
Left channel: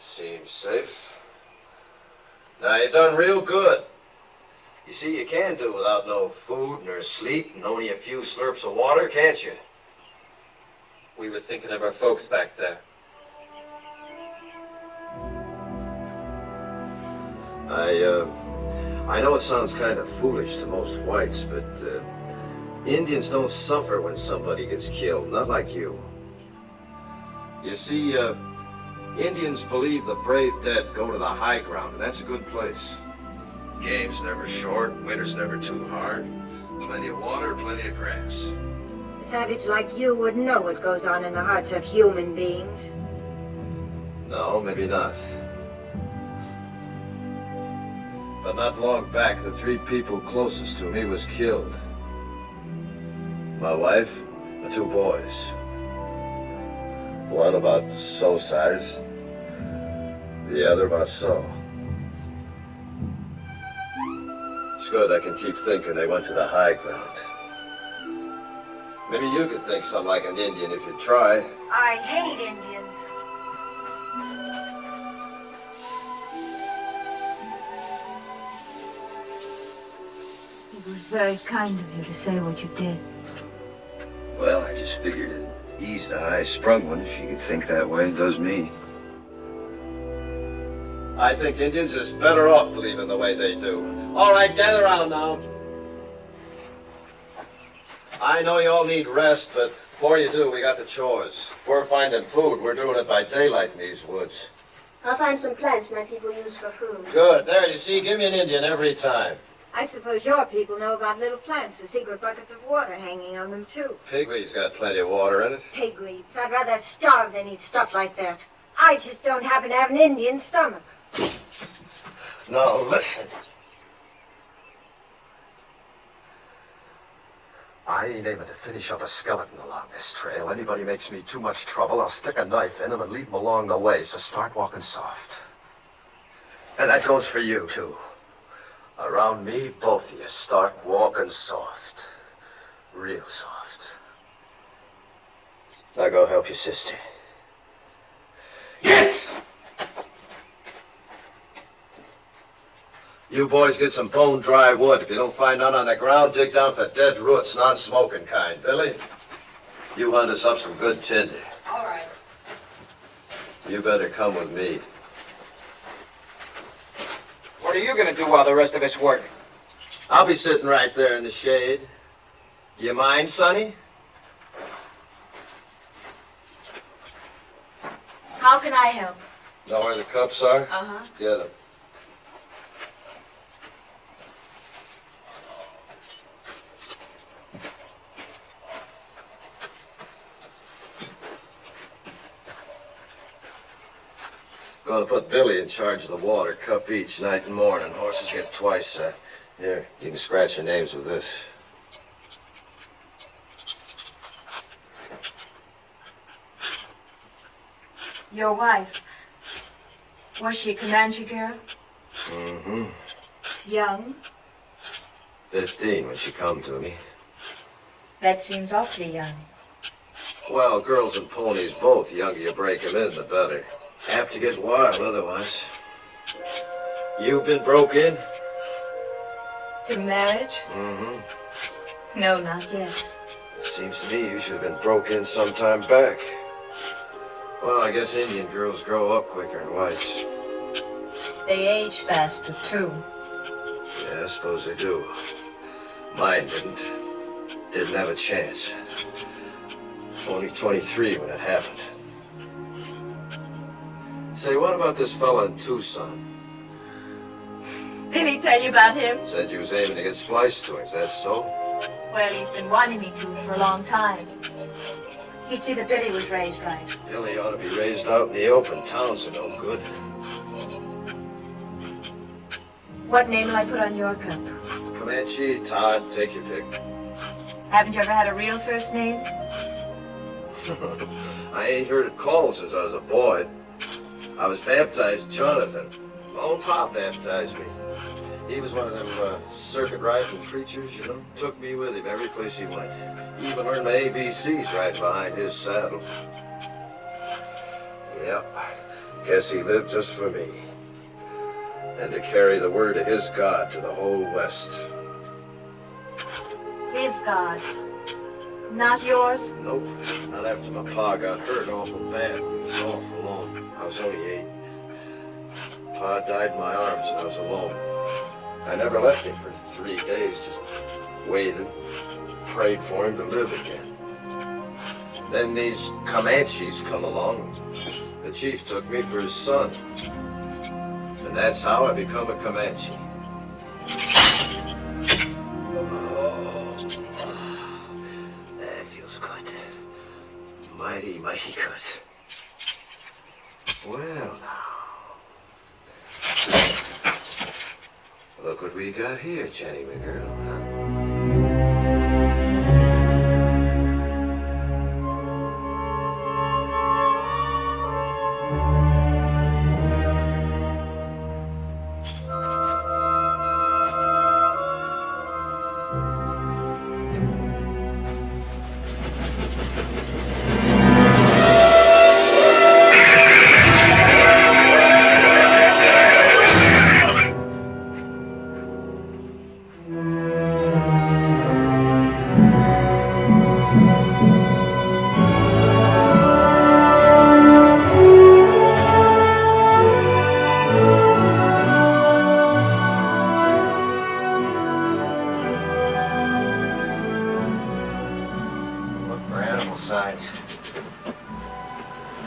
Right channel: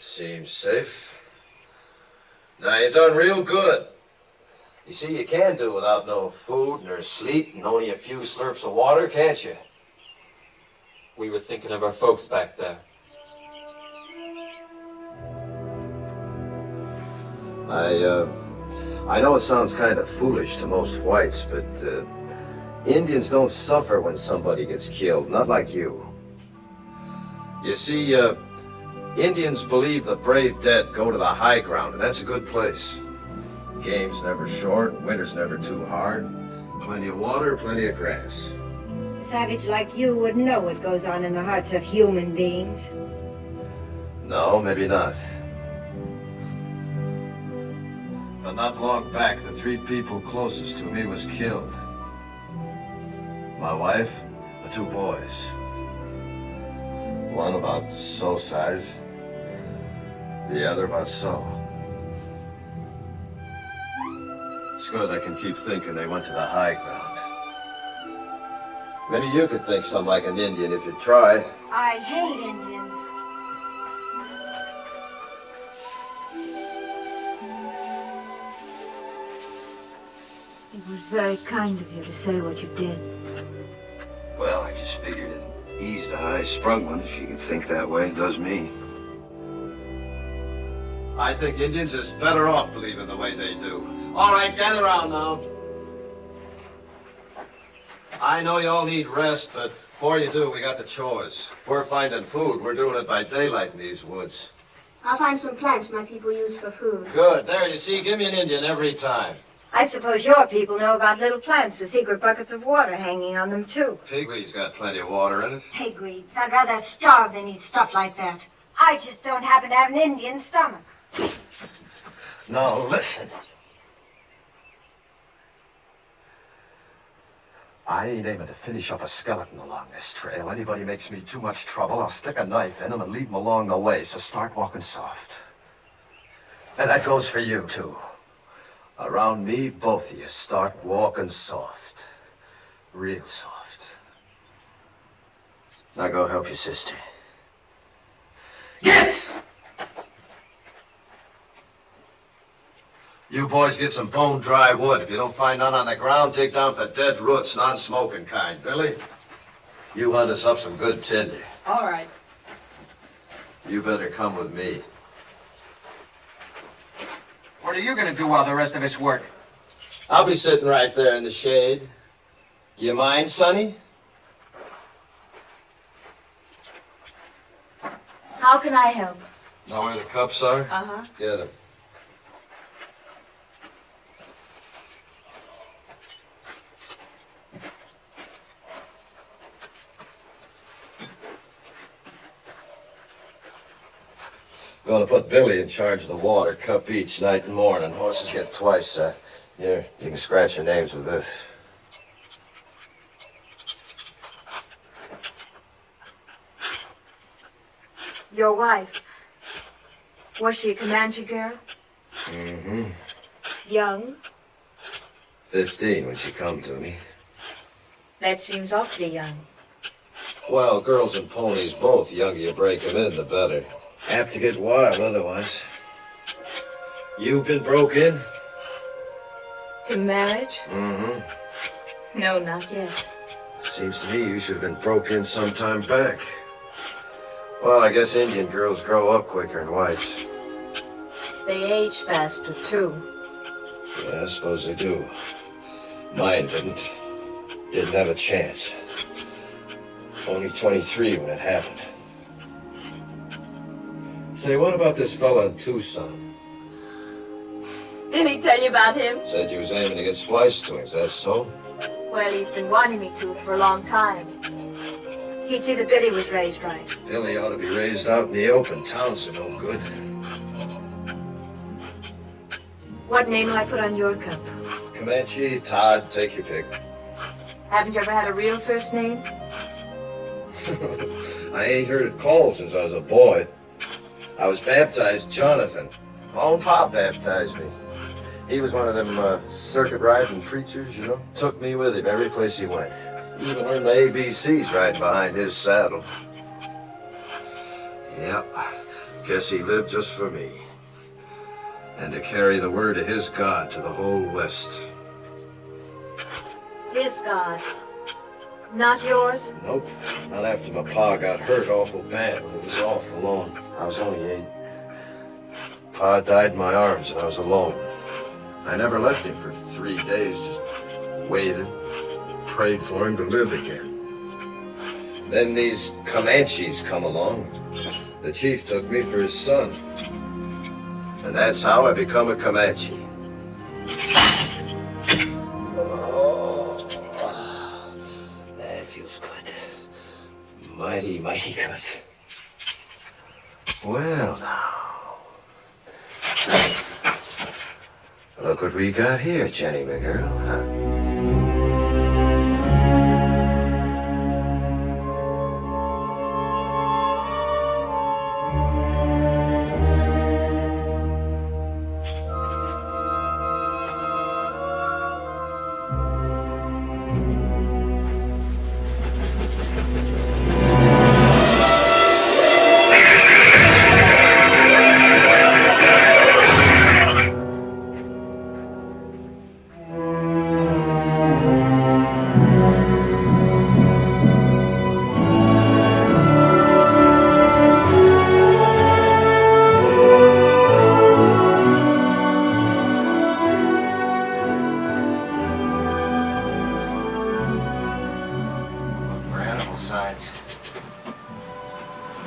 Seems safe. Now, you done real good. You see, you can do without no food nor sleep and only a few slurps of water, can't you? We were thinking of our folks back there. I know it sounds kind of foolish to most whites, but Indians don't suffer when somebody gets killed, not like you. You see, Indians believe the brave dead go to the high ground, and that's a good place. Game's never short, winter's never too hard. Plenty of water, plenty of grass. A savage like you wouldn't know what goes on in the hearts of human beings. No, maybe not. But not long back, the 3 people closest to me was killed. My wife, the 2 boys. One about so size, the other about so. It's good I can keep thinking they went to the high ground. Maybe you could think something like an Indian if you try. I hate Indians. It was very kind of you to say what you did. Well, I just figured it eased a high-sprung one if you could think that way. It does me. I think Indians is better off believing the way they do. All right, gather around now. I know you all need rest, but before you do, we got the chores. If we're finding food, we're doing it by daylight in these woods. I'll find some plants my people use for food. Good. There, you see, give me an Indian every time. I suppose your people know about little plants with secret buckets of water hanging on them, too. Pigweed's got plenty of water in it. Pigweeds. I'd rather starve than eat stuff like that. I just don't happen to have an Indian stomach. Now, listen. I ain't aiming to finish up a skeleton along this trail. Anybody makes me too much trouble, I'll stick a knife in them and leave them along the way, so start walking soft. And that goes for you, too. Around me, both of you, start walking soft. Real soft. Now go help your sister. Yes! You boys get some bone-dry wood. If you don't find none on the ground, dig down for dead roots, non-smoking kind. Billy, you hunt us up some good tinder. All right. You better come with me. What are you gonna do while the rest of us work? I'll be sitting right there in the shade. Do you mind, Sonny? How can I help? Know where the cups are? Uh-huh. Get them. Gonna put Billy in charge of the water, cup each, night and morning. Horses get twice. Here, you can scratch your names with this. Your wife. Was she a Comanche girl? Mm-hmm. Young? 15 when she come to me. That seems awfully young. Well, girls and ponies both. The younger you break them in, the better. Apt to get wild otherwise. You been broke in? To marriage? Mm-hmm. No, not yet. Seems to me you should have been broke in some time back. Well, I guess Indian girls grow up quicker than whites. They age faster, too. Yeah, I suppose they do. Mine didn't. Didn't have a chance. Only 23 when it happened. Say, what about this fella in Tucson? Did he tell you about him? Said you was aiming to get spliced to him. Is that so? Well, he's been wanting me to for a long time. He'd see that Billy was raised right. Billy ought to be raised out in the open. Towns are no good. What name will I put on your cup? Comanche, Todd, take your pick. Haven't you ever had a real first name? I ain't heard it called since I was a boy. I was baptized Jonathan. My own pop baptized me. He was one of them circuit riding preachers, you know. Took me with him every place he went. Even learned the ABCs riding behind his saddle. Yeah, guess he lived just for me. And to carry the word of his God to the whole West. His God. Not yours? Nope. Not after my pa got hurt awful bad. It was awful long. I was only 8. Pa died in my arms and I was alone. I never left him for 3 days, just waited, prayed for him to live again. Then these Comanches come along. The chief took me for his son. And that's how I become a Comanche. Oh, that feels good. Mighty, mighty good. Well, now. Look what we got here, Jenny, my girl, huh?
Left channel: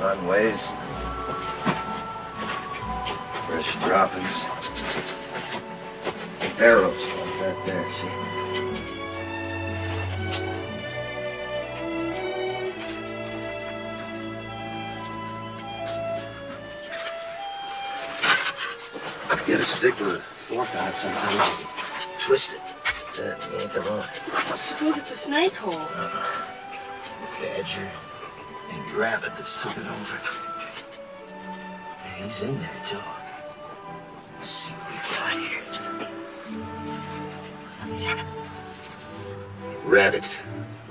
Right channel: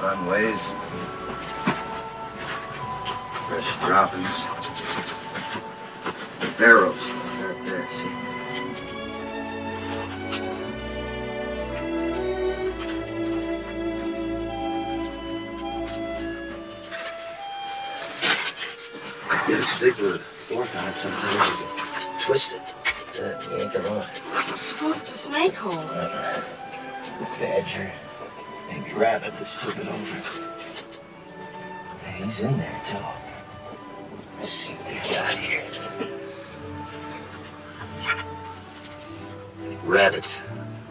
Runways, fresh droppings, barrels like that there, see? Get a stick with a fork on it sometimes, you can twist it, then yank it on. I suppose it's a snake hole. It's badger. And rabbit that's took it over. Hey, he's in there, too. Let's see what we got here. Rabbit.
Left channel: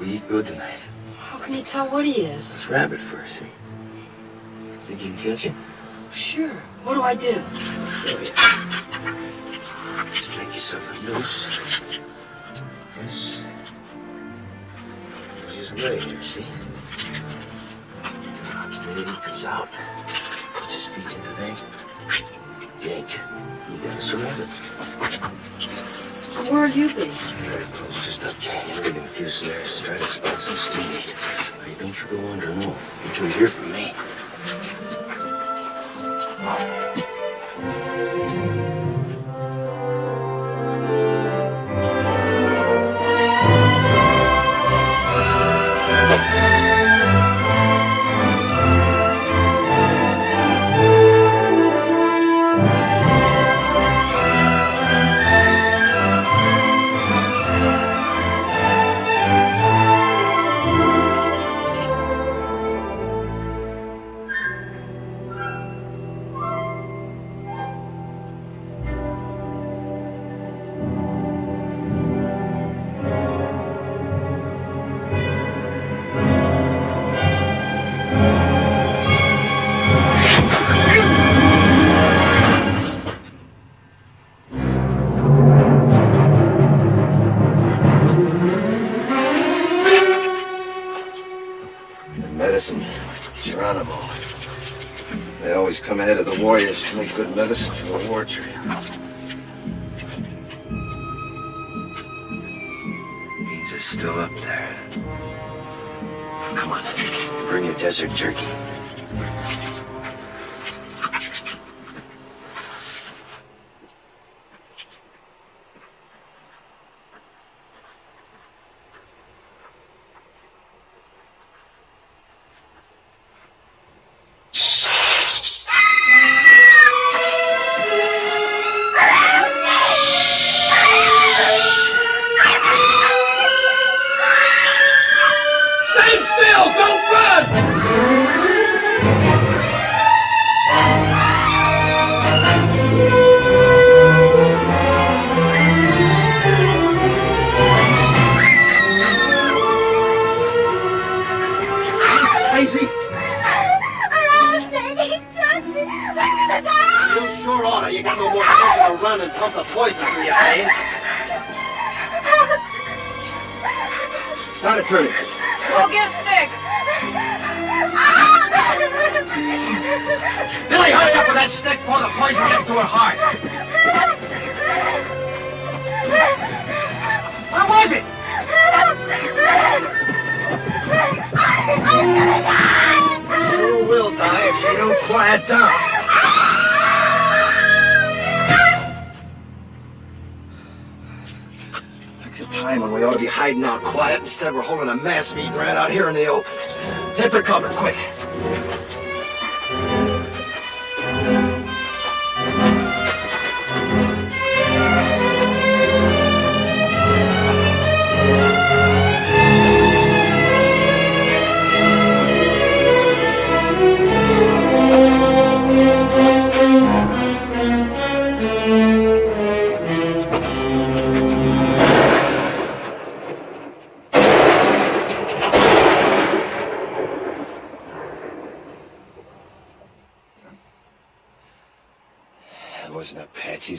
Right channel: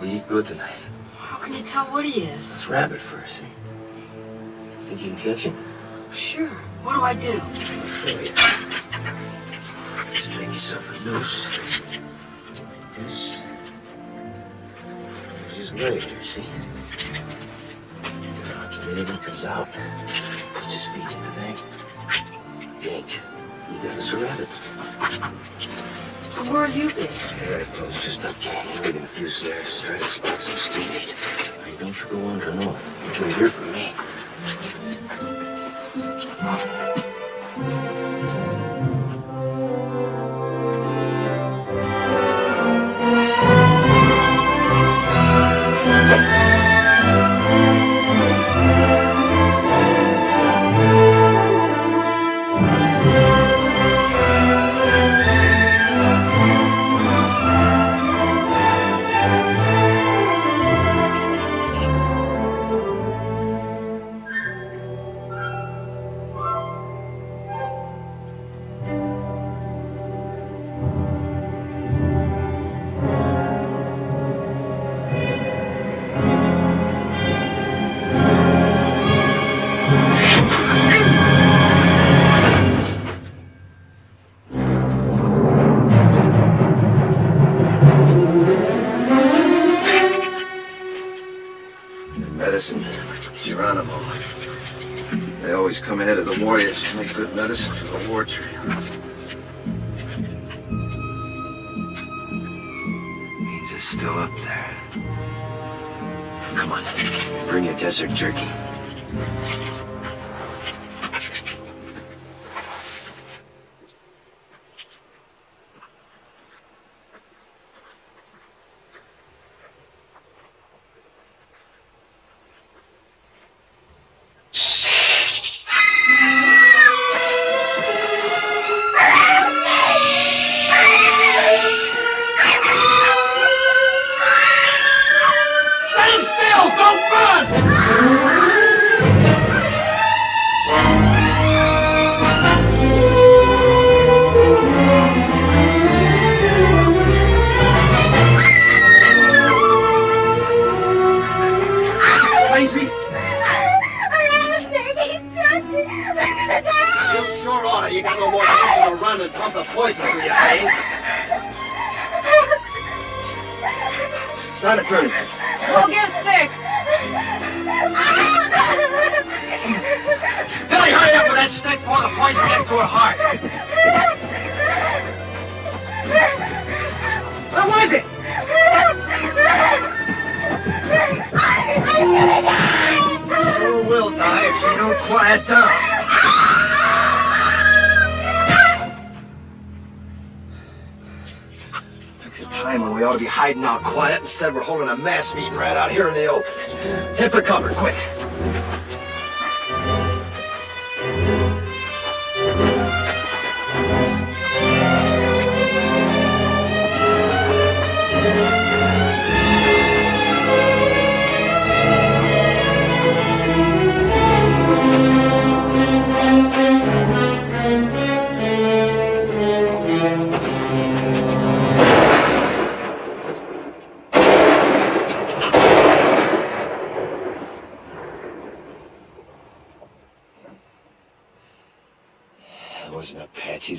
We eat good tonight. How can you tell what he is? It's rabbit first, see? Think you can catch him? Sure. What do I do? I'll show you. Just make yourself a noose. Like this. Just lay there, see? Then he comes out, puts his feet in the neck, yank. You got us a rabbit. Where are you been? Right close, just up canyon, digging a few snares, trying to spot some steam meat. Hey, don't you go wandering off until you hear from me. Medicine, Geronimo. They always come ahead of the warriors to make good medicine for the war trail. He's just still up there. Come on, bring your desert jerky. You got no more reason to run and pump the poison through your veins. Start a turn. Go get a stick. Billy, hurry up with that stick before the poison gets to her heart. Where was it? Sure will die if she don't. down, quiet down. Pick a time when we ought to be hiding out quiet. Instead, we're holding a mass meeting right out here in the open. Hit for cover, quick.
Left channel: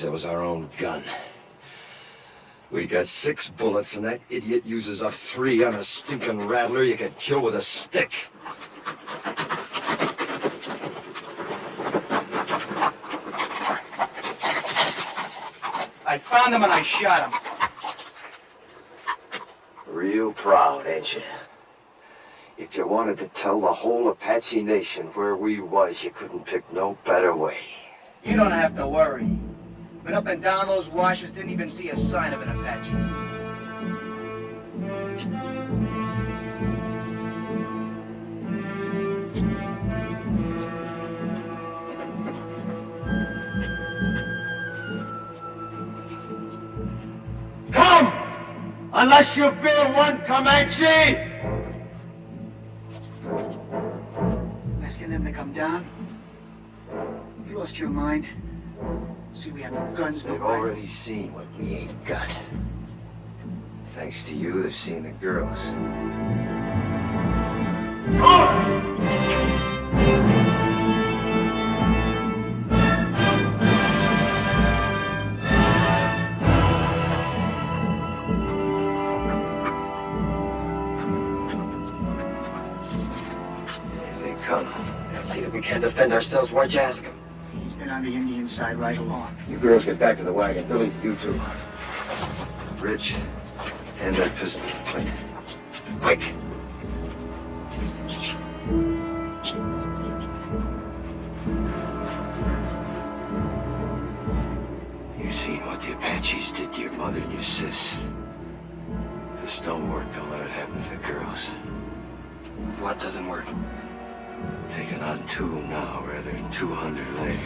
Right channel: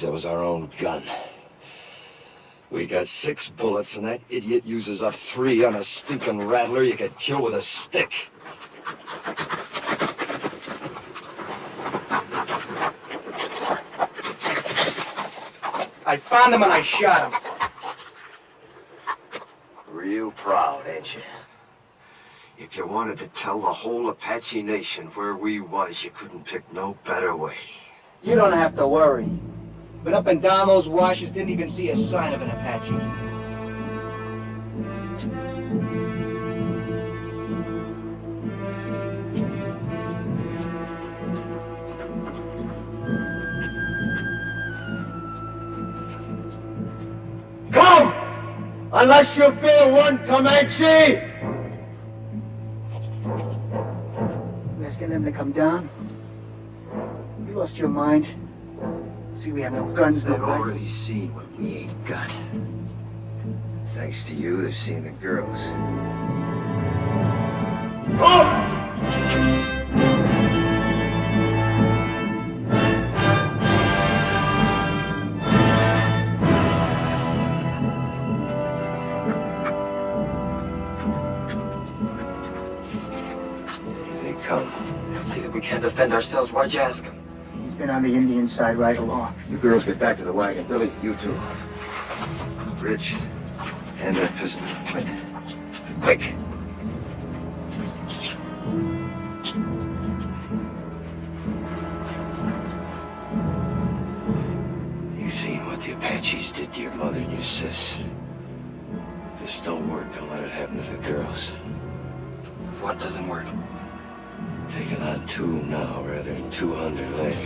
That was our own gun. We got 6 bullets, and that idiot uses up 3 on a stinking rattler you could kill with a stick. I found him and I shot him. Real proud, ain't you? If you wanted to tell the whole Apache Nation where we was, you couldn't pick no better way. You don't have to worry. Been up and down those washes, didn't even see a sign of an Apache. Come! Unless you feel one, Comanche! You asking them to come down? You lost your mind? See, we have no guns, no They've already seen what we ain't got. Thanks to you, they've seen the girls. Here they come. See that we can't defend ourselves. Why'd you ask him? He's been on the Indian side right along. You girls get back to the wagon. Billy, you too. Rich, hand that pistol to Clint. Quick! You seen what the Apaches did to your mother and your sis. This don't work, don't let it happen to the girls. What doesn't work? Taking on 2 now rather than 200 later.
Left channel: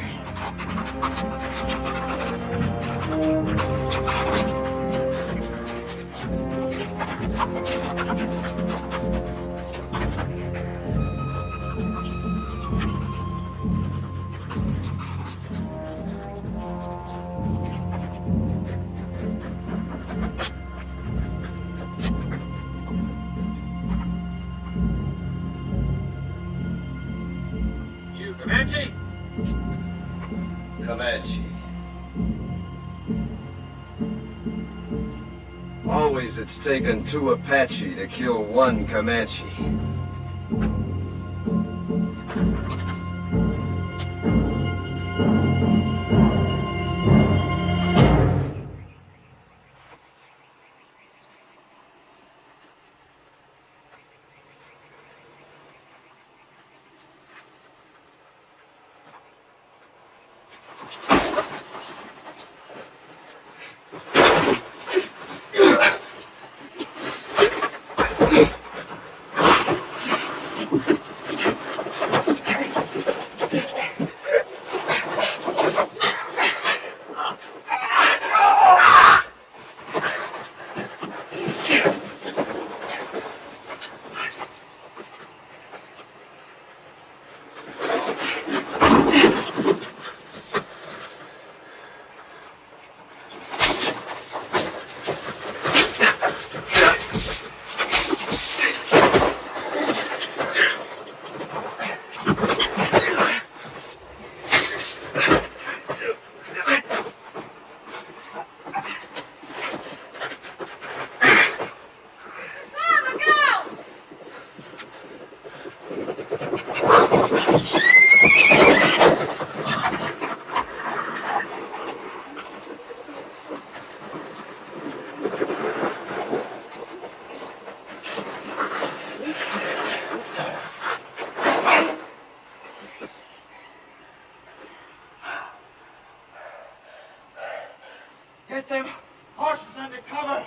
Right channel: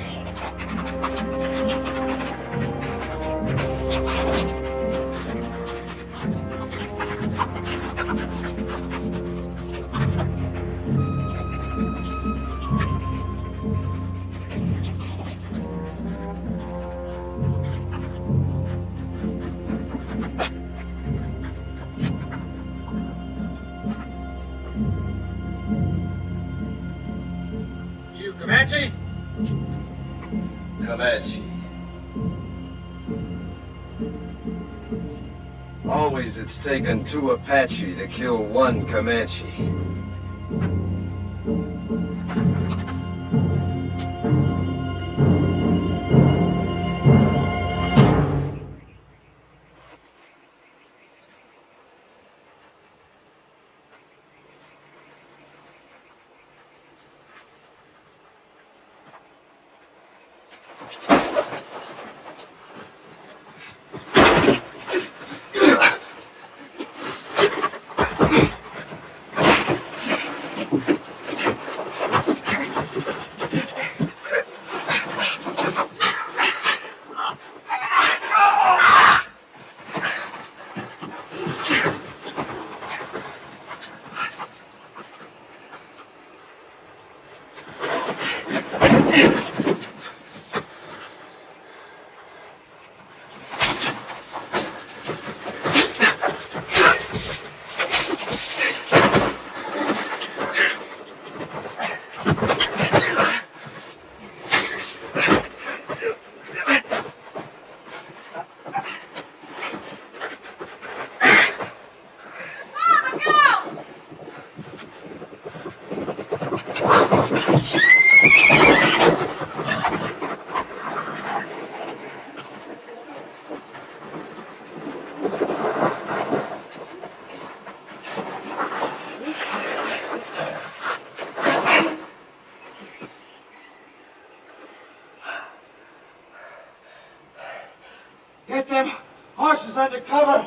You Comanche? Comanche. Always it's taken 2 Apache to kill 1 Comanche. Get them horses under cover.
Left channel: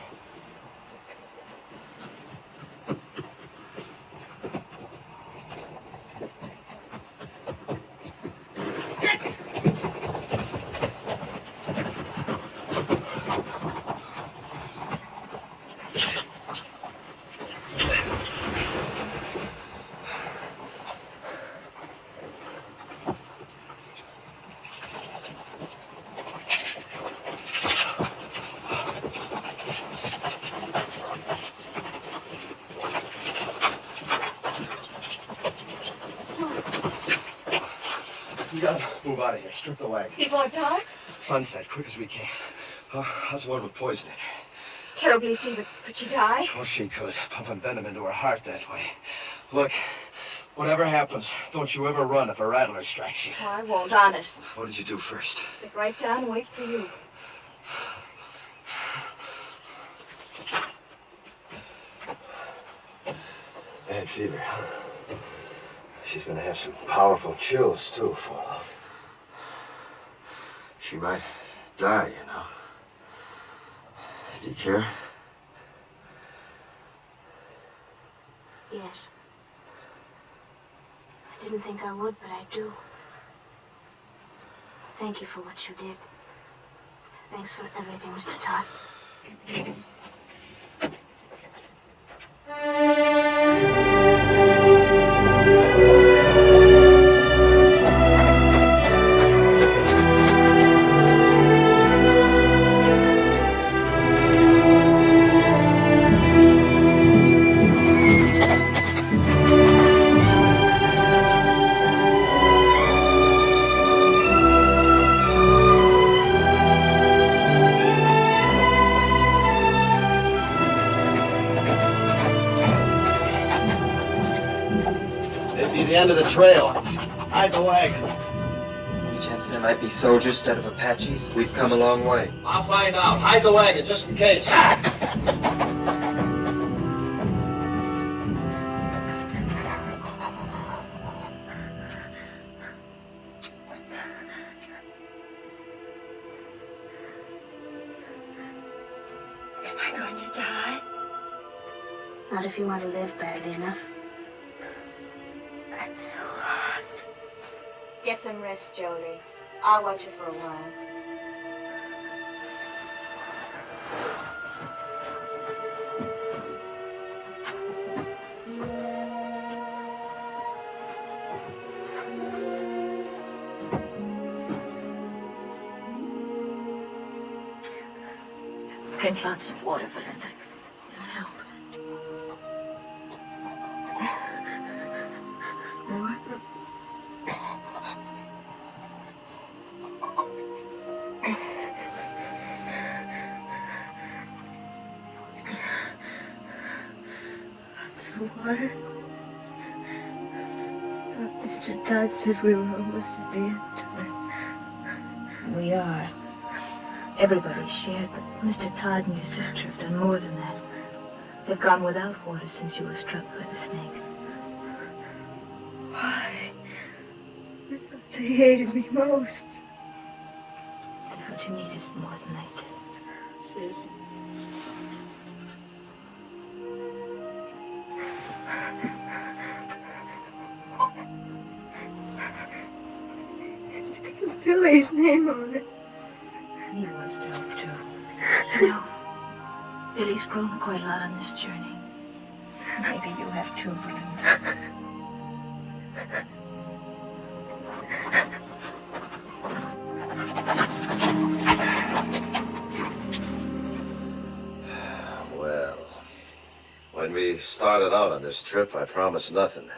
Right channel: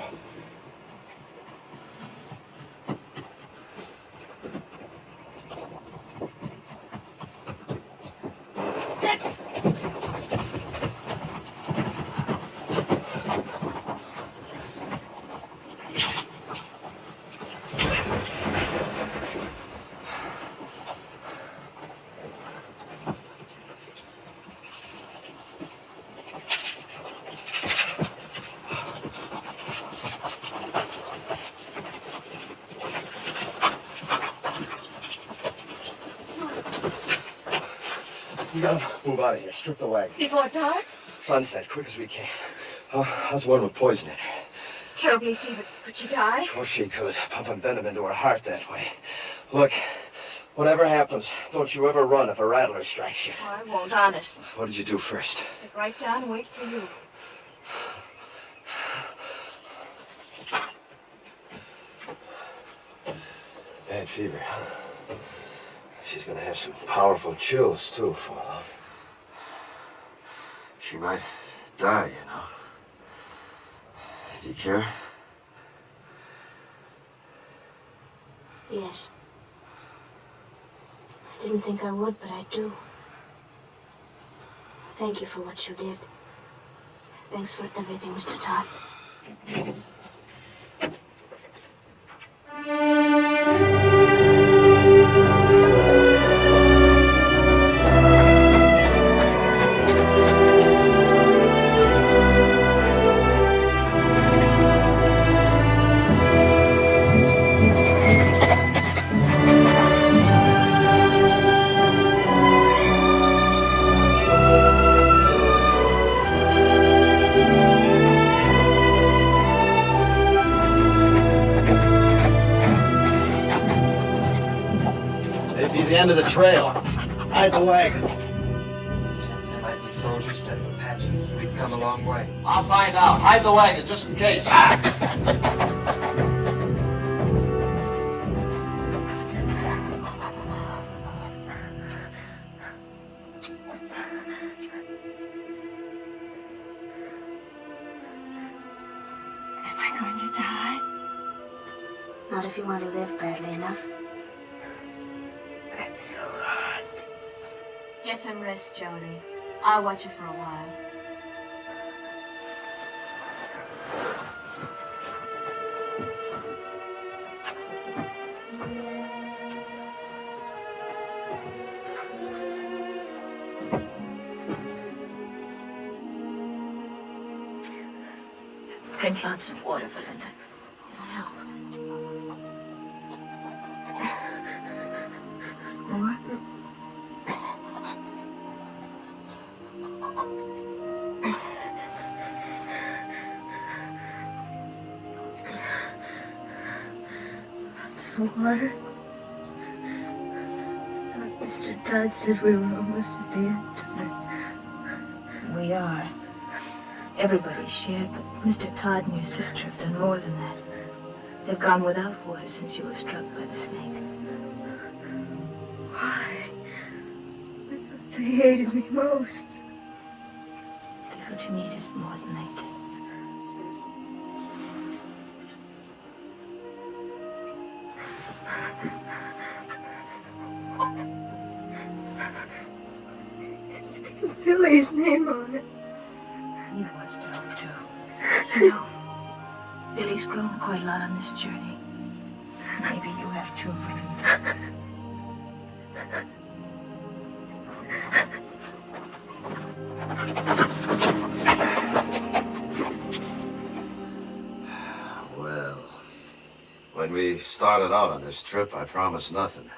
We gotta move out of here. Strip the wagon. Before dark? Sunset, quick as we can. How's the one with poison in her? Terribly fevered. Could she die? Of course she could. Pumping venom into her heart that way. Look, whatever happens, don't you ever run if a rattler strikes you. Oh, I won't, honest. What did you do first? Sit right down and wait for you. Bad fever. She's gonna have some powerful chills, too, for long. She might die, you know. Do you care? Yes. I didn't think I would, but I do. Thank you for what you did. Thanks for everything, Mr. Todd. End of the trail. Hide the wagon. Any chance there might be soldiers instead of Apaches? We've come a long way. I'll find out. Hide the wagon, just in case. Am I going to die? Not if you want to live badly enough. I'm so hot. Get some rest, Jolie. I'll watch you for a while. Drink lots of water, Belinda. Help. More? Some water? I thought Mr. Todd said we were almost at the end. We are. Everybody's shared, but Mr. Todd and your sister have done more than that. They've gone without water since you were struck by the snake. Why? I thought they hated me most. They felt you needed it more than they did. Sis. It's got Billy's name on it. He wants to help too. You know, Billy's grown quite a lot on this journey. Maybe you have too, Belinda. Well, when we started out on this trip, I promised nothing.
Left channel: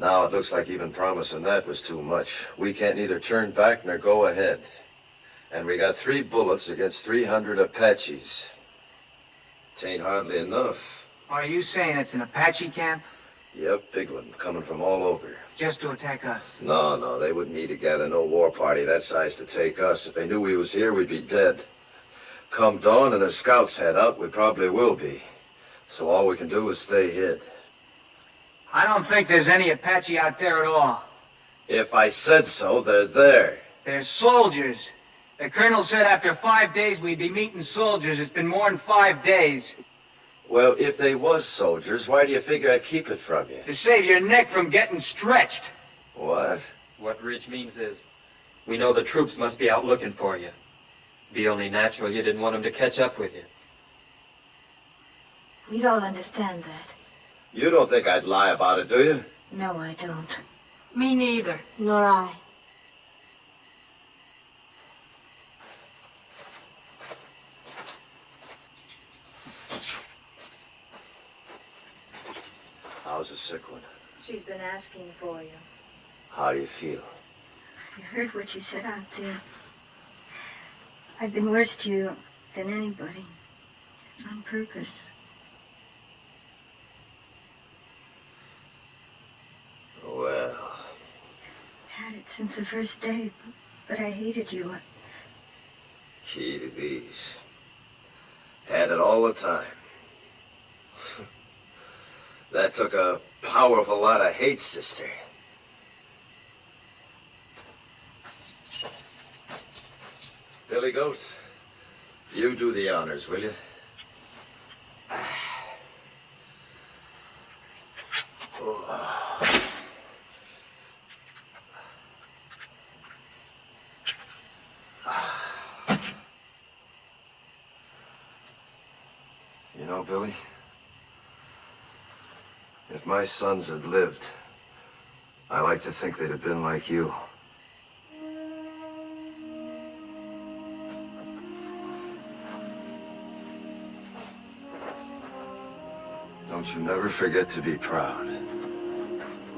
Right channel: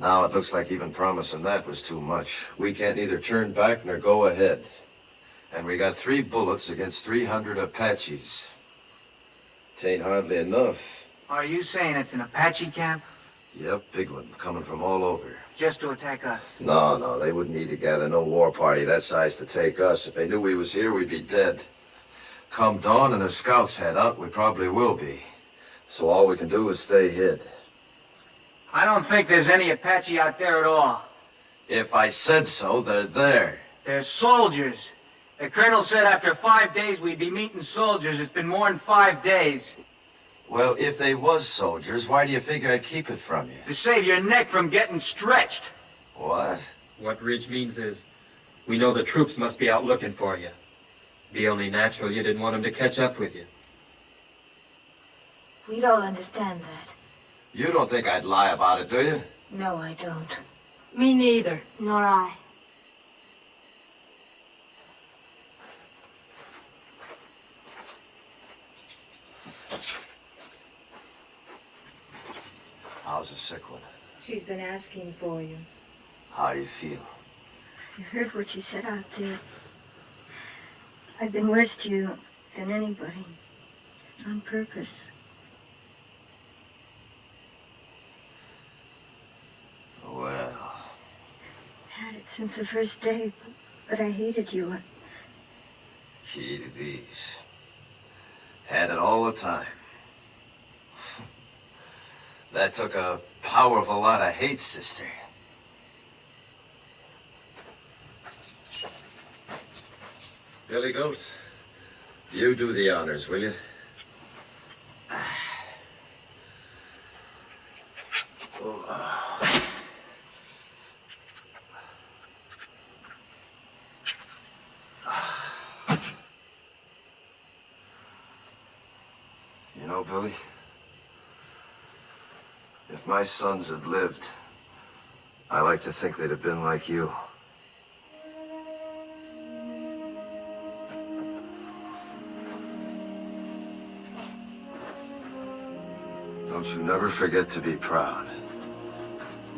Now it looks like even promising that was too much. We can't neither turn back nor go ahead. And we got 3 bullets against 300 Apaches. It ain't hardly enough. Are you saying it's an Apache camp? Yep, big one, coming from all over. Just to attack us? No, they wouldn't need to gather no war party that size to take us. If they knew we was here, we'd be dead. Come dawn and the scouts head out, we probably will be. So all we can do is stay hid. I don't think there's any Apache out there at all. If I said so, they're there. They're soldiers. The colonel said after 5 days we'd be meeting soldiers. It's been more than 5 days. Well, if they was soldiers, why do you figure I'd keep it from you? To save your neck from getting stretched. What? What Ridge means is, we know the troops must be out looking for you. Be only natural you didn't want them to catch up with you. We'd all understand that. You don't think I'd lie about it, do you? No, I don't. Me neither. Nor I. How's the sick one? She's been asking for you. How do you feel? You heard what she said out there. I've been worse to you than anybody. On purpose. Well... Had it since the first day, but I hated you. Key to these. Had it all the time. That took a powerful lot of hate, sister. Billy Goat, you do the honors, will you? You know, Billy, if my sons had lived, I like to think they'd have been like you. Don't you never forget to be proud.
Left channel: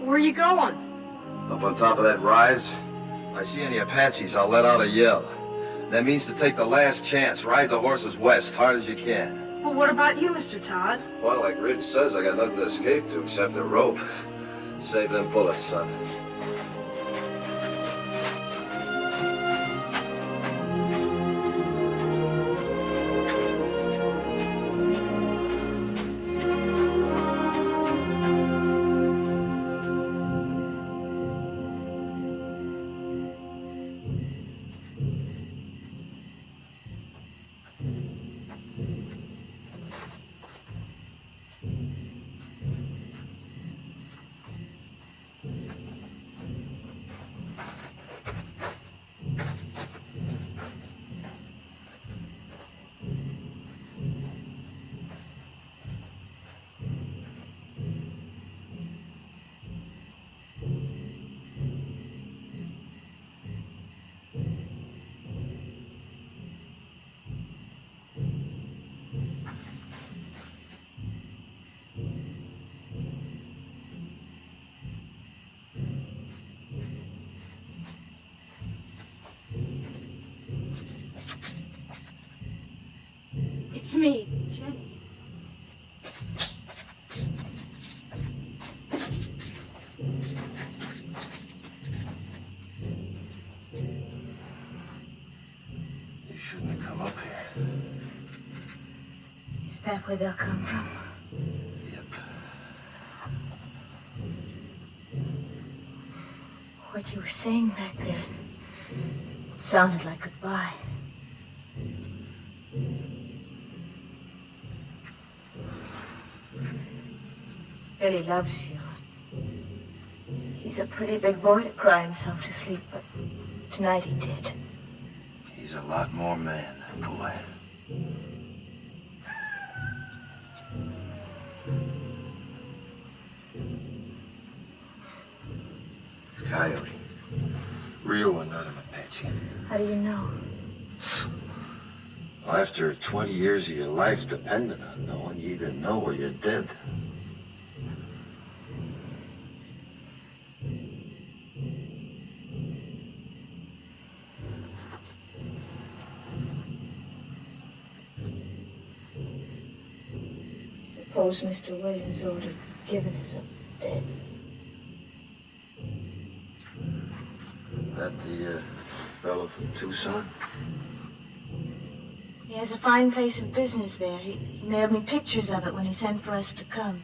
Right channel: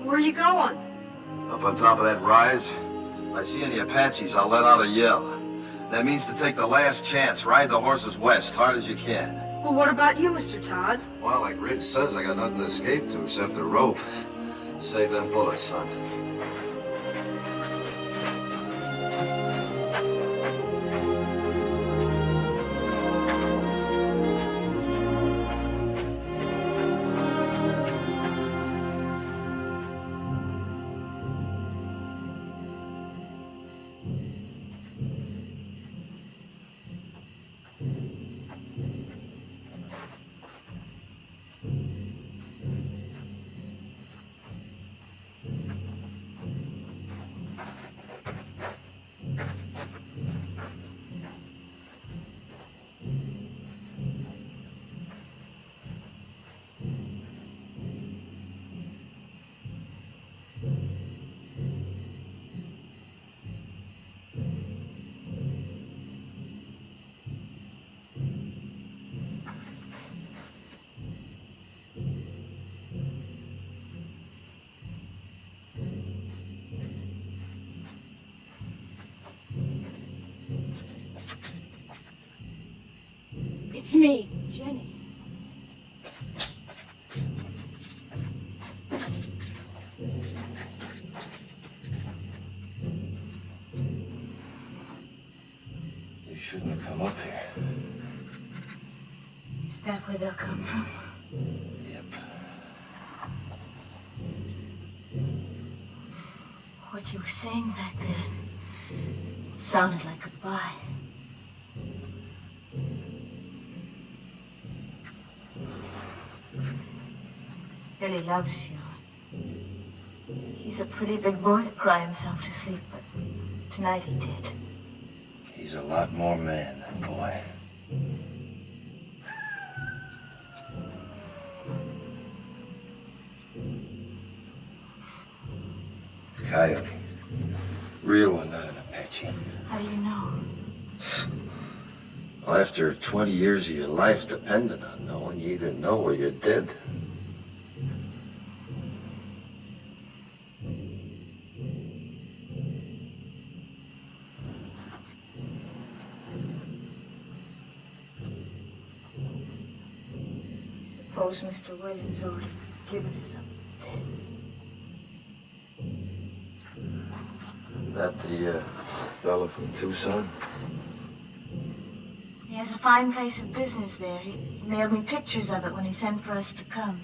Where you going? Up on top of that rise, I see any Apaches, I'll let out a yell. That means to take the last chance, ride the horses west, hard as you can. Well, what about you, Mr. Todd? Well, like Ridge says, I got nothing to escape to except a rope. Save them bullets, son. It's me, Jenny. You shouldn't have come up here. Is that where they'll come from? Yep. What you were saying back there sounded like goodbye. Billy loves you. He's a pretty big boy to cry himself to sleep, but tonight he did. He's a lot more man than boy. Coyote. Real one, not an Apache. How do you know? After 20 years of your life depending on knowing, you either know or you're dead. Suppose Mr. Williams ordered given us up dead. That the fellow from Tucson? He has a fine place of business there. He mailed me pictures of it when he sent for us to come.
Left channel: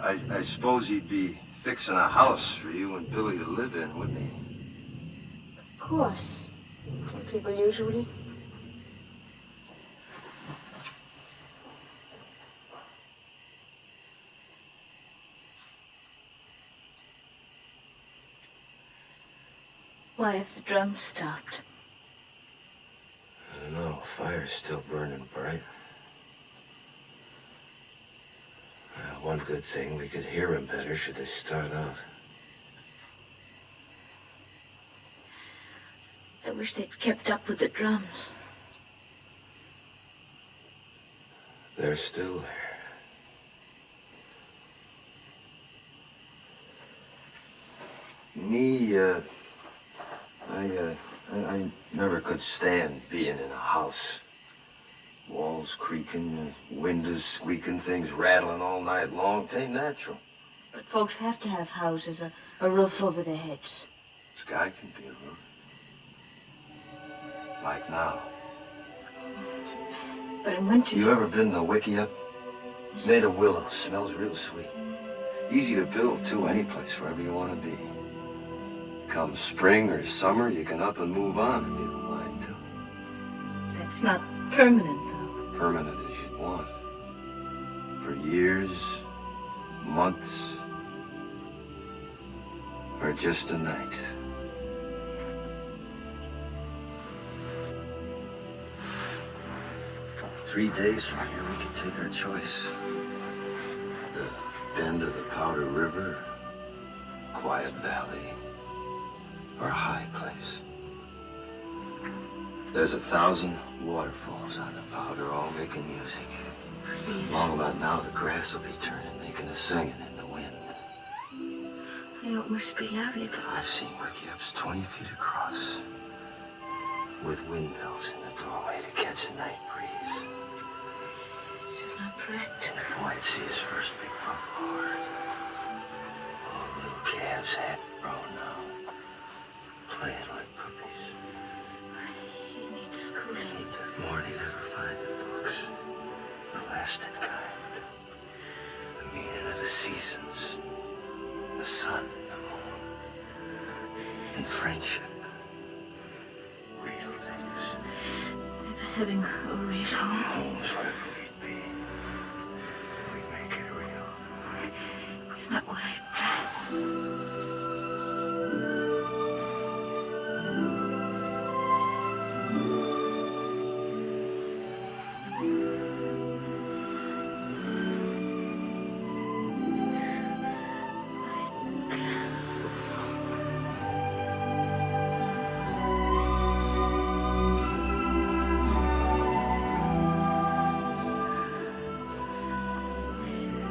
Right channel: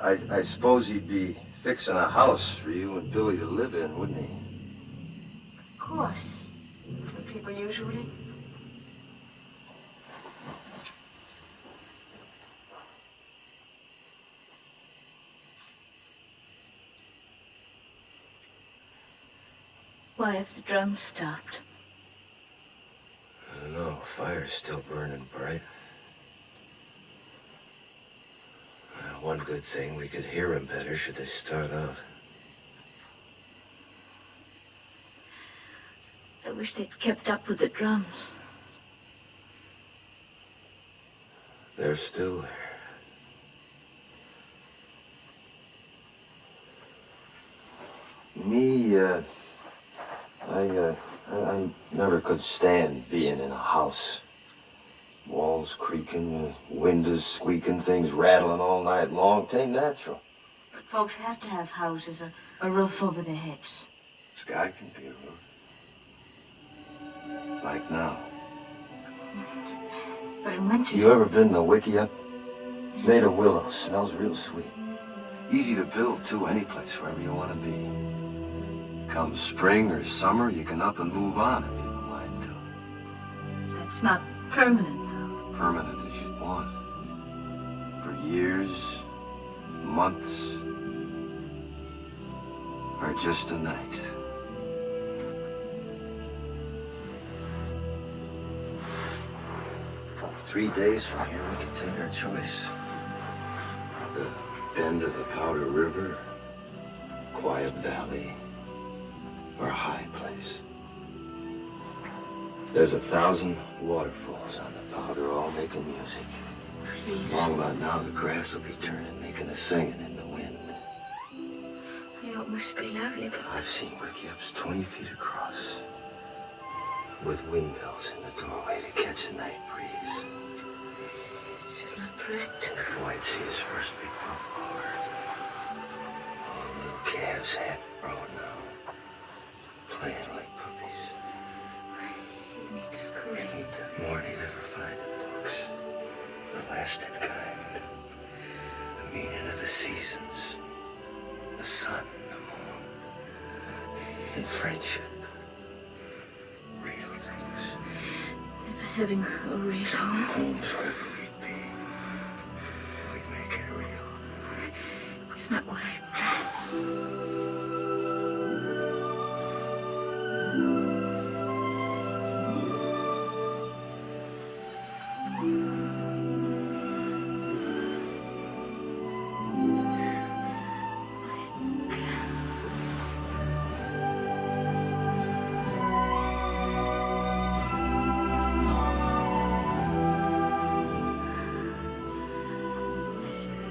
I suppose he'd be fixing a house for you and Billy to live in, wouldn't he? Of course. People usually. Why have the drums stopped? I don't know. Fire's still burning bright. One good thing, we could hear them better should they start out. I wish they'd kept up with the drums. They're still there. Me, I never could stand being in a house. Walls creaking, windows squeaking, things rattling all night long. It ain't natural. But folks have to have houses, a roof over their heads. Sky can be a roof. Like now. But in winter... You ever been to Wickiup? Made of willow. Smells real sweet. Easy to build, too, any place, wherever you want to be. Come spring or summer, you can up and move on if you have a mind to. That's not permanent, though. Permanent as you'd want. For years, months, or just a night. Three days from here, we can take our choice. The bend of the Powder River, quiet valley, or a high place. There's 1,000 waterfalls on the Powder, all making music. Please. Long about now, the grass will be turning, making a singing in the wind. They always must be lovely, but... I've seen Wickiups 20 feet across, with windmills in the doorway to catch the night breeze. It's just not practical. And boy, I'd see his first big buffalo herd. All the little calves half grown now, playing like puppies. He needs schooling. Need that more than he'd ever find in books. The lasted kind. The meaning of the seasons. The sun and the moon. And friendship. Real things. Never having a real home. Home's wherever we'd be. We'd make it real. It's not what I planned.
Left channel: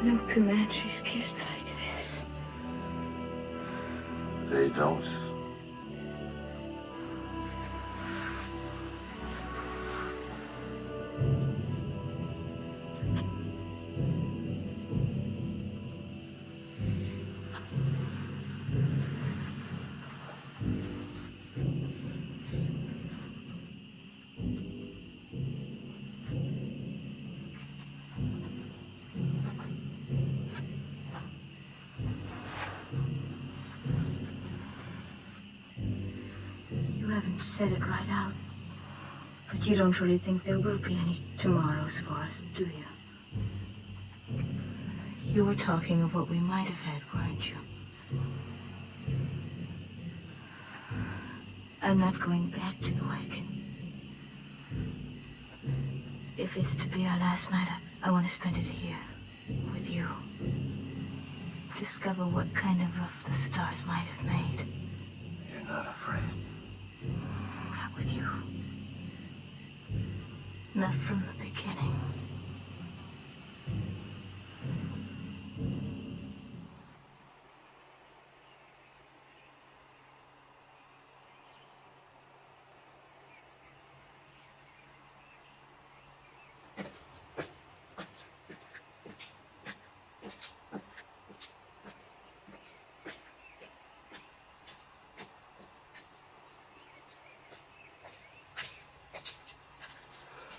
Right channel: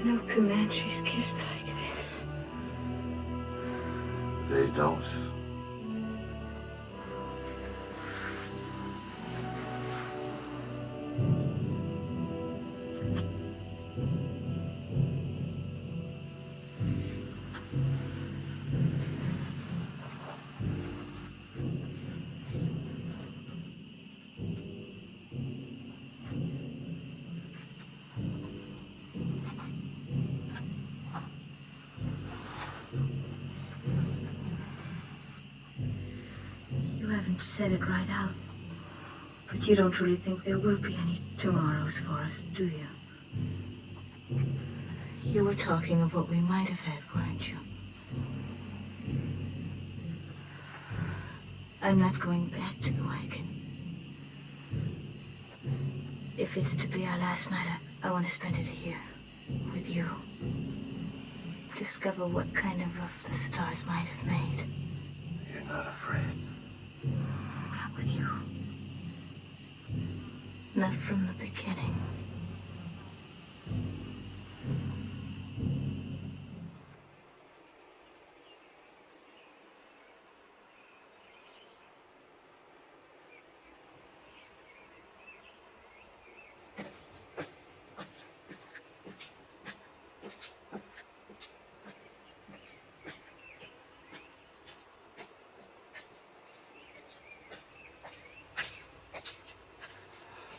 No Comanches kissed like this. They don't. You haven't said it right out. But you don't really think there will be any tomorrows for us, do you? You were talking of what we might have had, weren't you? I'm not going back to the Wagon. If it's to be our last night, I want to spend it here, with you. Discover what kind of roof the stars might have made. You're not afraid. Not with you. Not from the beginning.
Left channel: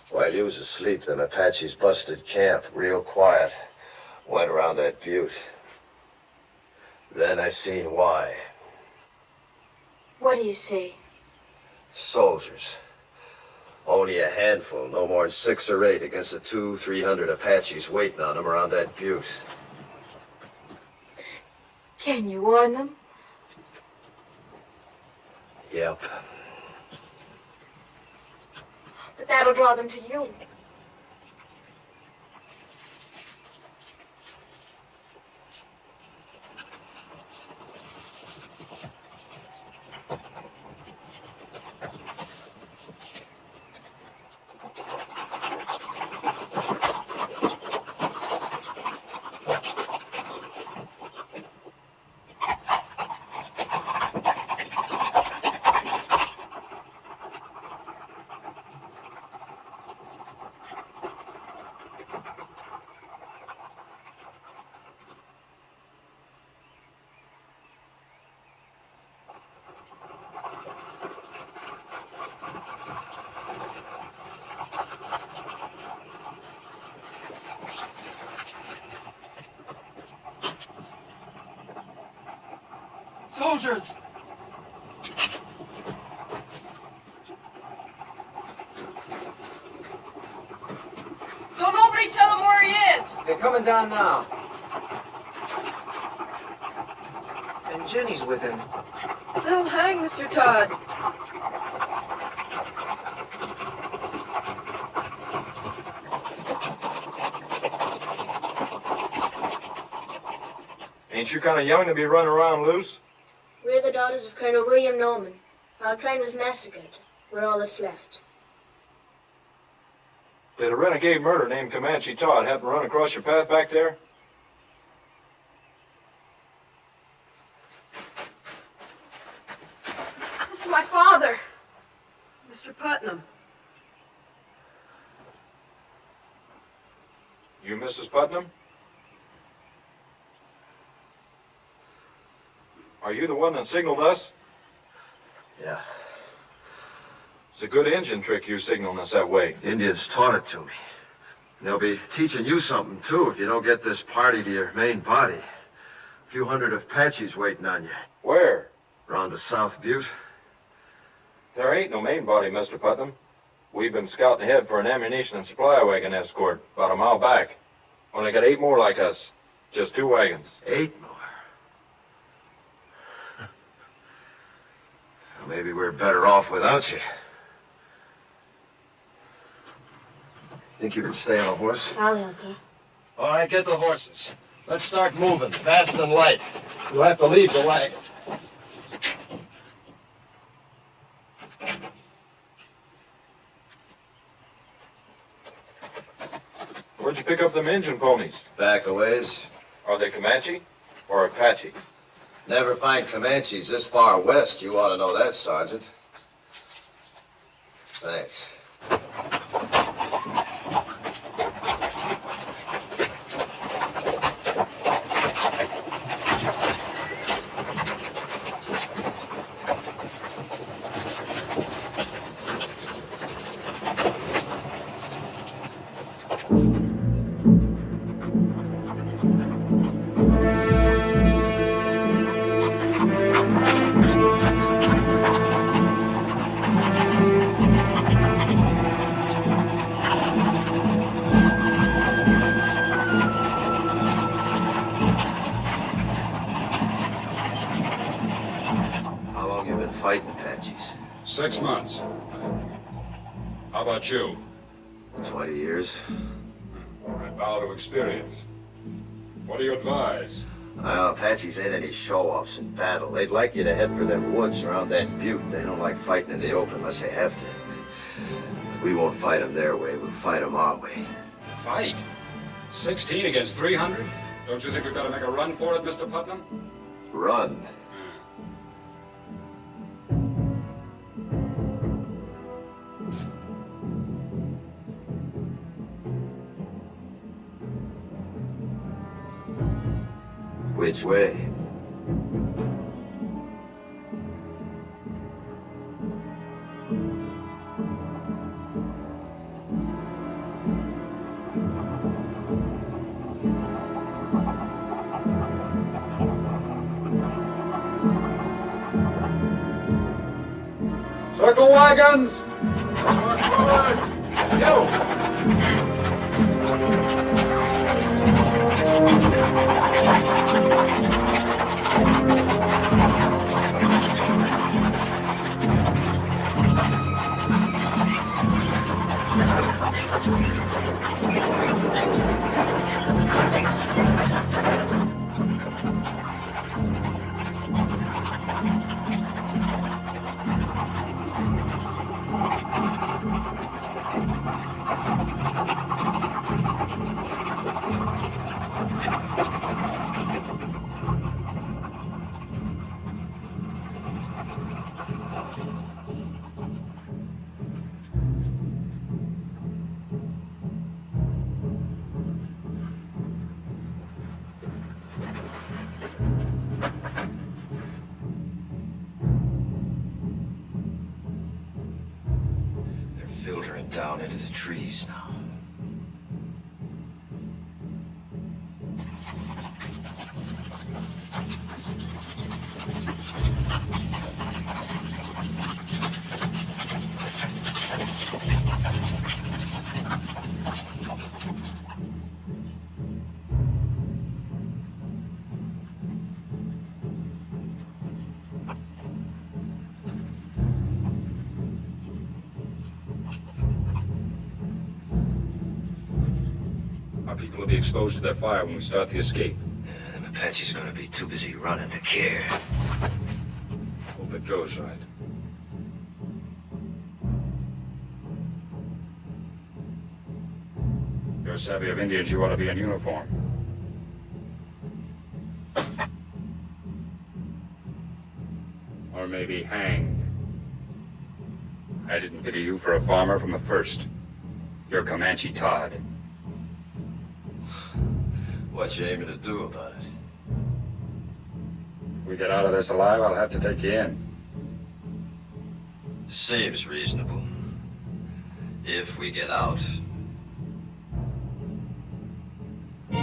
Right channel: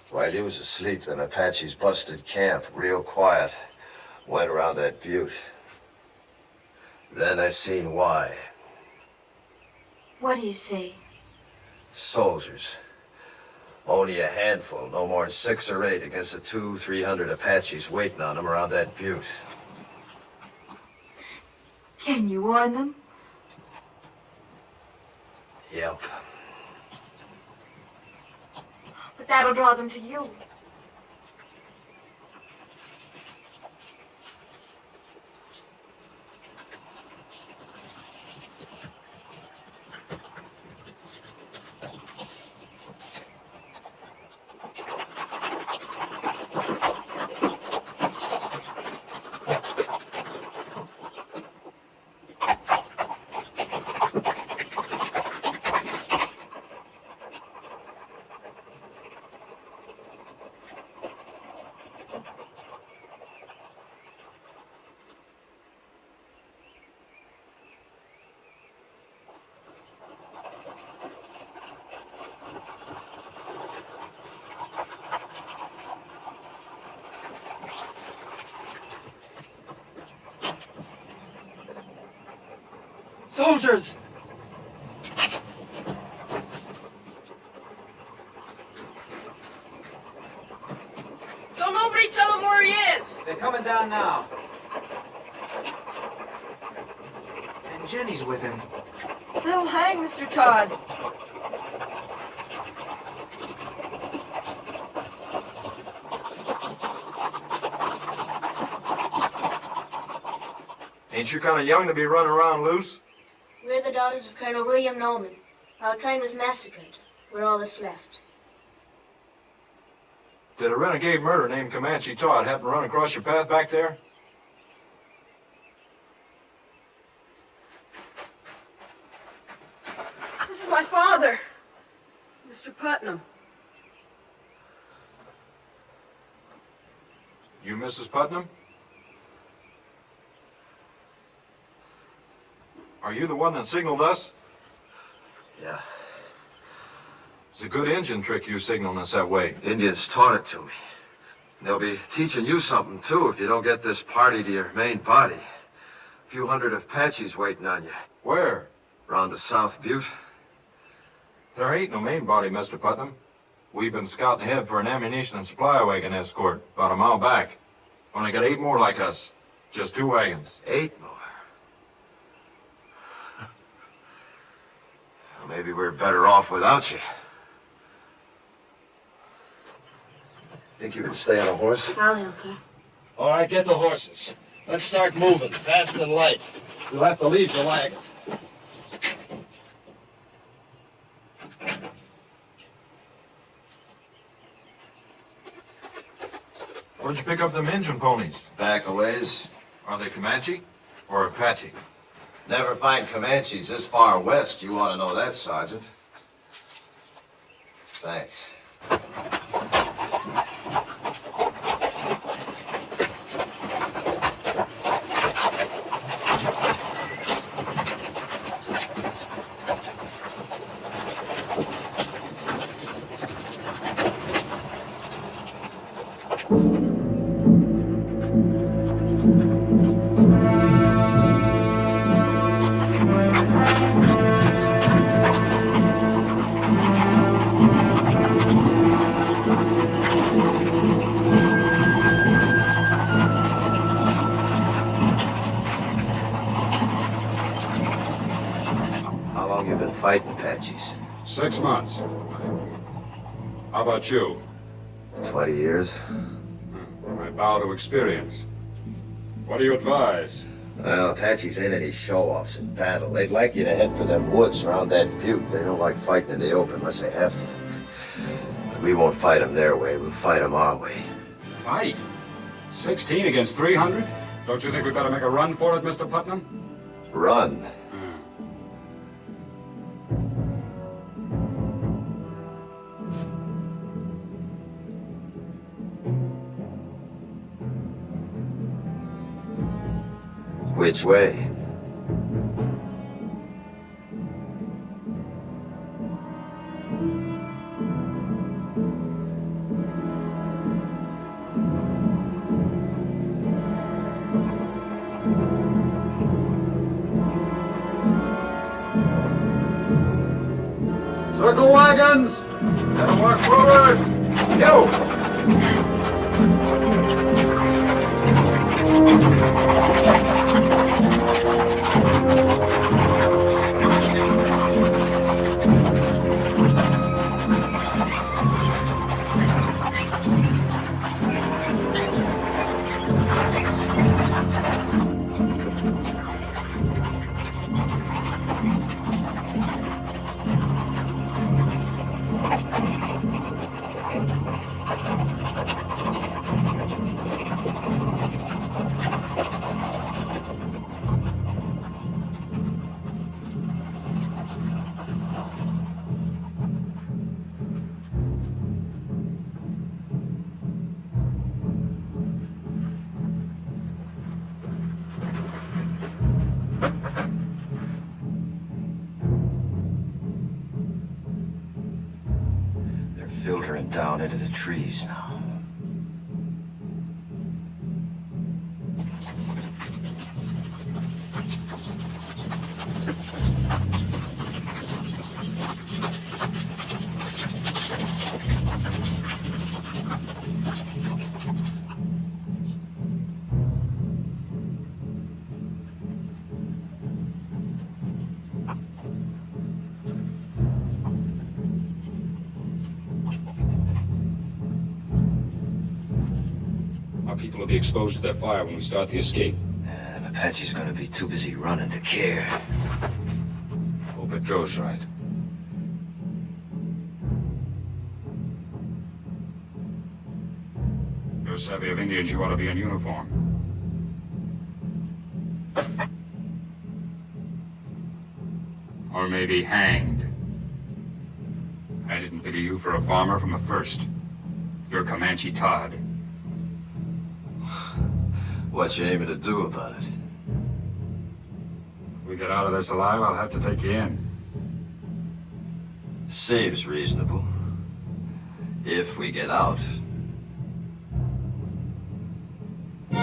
While you was asleep, them Apaches busted camp, real quiet. Went around that butte. Then I seen why. What do you see? Soldiers. Only a handful, no more than 6 or 8 against the 200-300 Apaches waiting on them around that butte. Can you warn them? Yep. But that'll draw them to you. Soldiers! Don't nobody tell him where he is! They're coming down now. And Jenny's with him. They'll hang Mr. Todd. Ain't you kind of young to be running around loose? We're the daughters of Colonel William Norman. Our train was massacred. We're all that's left. Did a renegade murderer named Comanche Todd happen to run across your path back there? This is my father, Mr. Putnam. You Mrs. Putnam? Are you the one that signaled us? Yeah. It's a good Indian trick you signaling us that way. Indians taught it to me. They'll be teaching you something, too, if you don't get this party to your main body. A few hundred Apaches waiting on you. Where? Around the South Butte. There ain't no main body, Mr. Putnam. We've been scouting ahead for an ammunition and supply wagon escort about a mile back. Only got 8 more like us. Just 2 wagons. 8 more? Well, maybe we're better off without you. Think you can stay on a horse? I'll help her. All right, get the horses. Let's start moving, fast and light. You'll have to leave the wagon. Where'd you pick up them Injun ponies? Back a ways. Are they Comanche or Apache? Never find Comanches this far west. You ought to know that, Sergeant. Thanks. Fighting Apaches? 6 months. How about you? 20 years. I bow to experience. What do you advise? Well, Apaches ain't any show-offs in battle. They'd like you to head for them woods around that butte. They don't like fighting in the open unless they have to. But we won't fight them their way. We'll fight them our way. Fight? 16 against 300? Don't you think we better make a run for it, Mr. Putnam? Run? Which way? Circle wagons! March forward! You! Filtering down into the trees now. Our people will be exposed to their fire when we start the escape. The Apache's gonna be too busy running to care. Hope it goes right. You're savvy of Indians, you ought to be in uniform. Or maybe hanged. I didn't figure you for a farmer from the first. You're Comanche Todd. What you aiming to do about it? We get out of this alive, I'll have to take you in. Seems reasonable. If we get out. You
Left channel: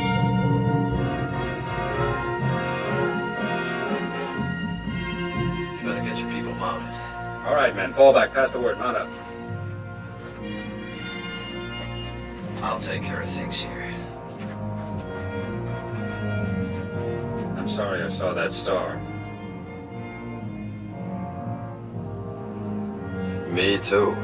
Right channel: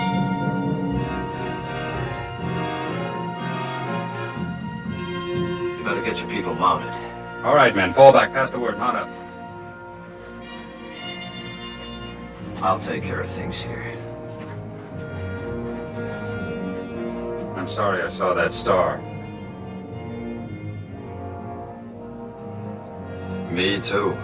better get your people mounted. All right, men, fall back. Pass the word. Mount up. I'll take care of things here. I'm sorry I saw that star. Me too.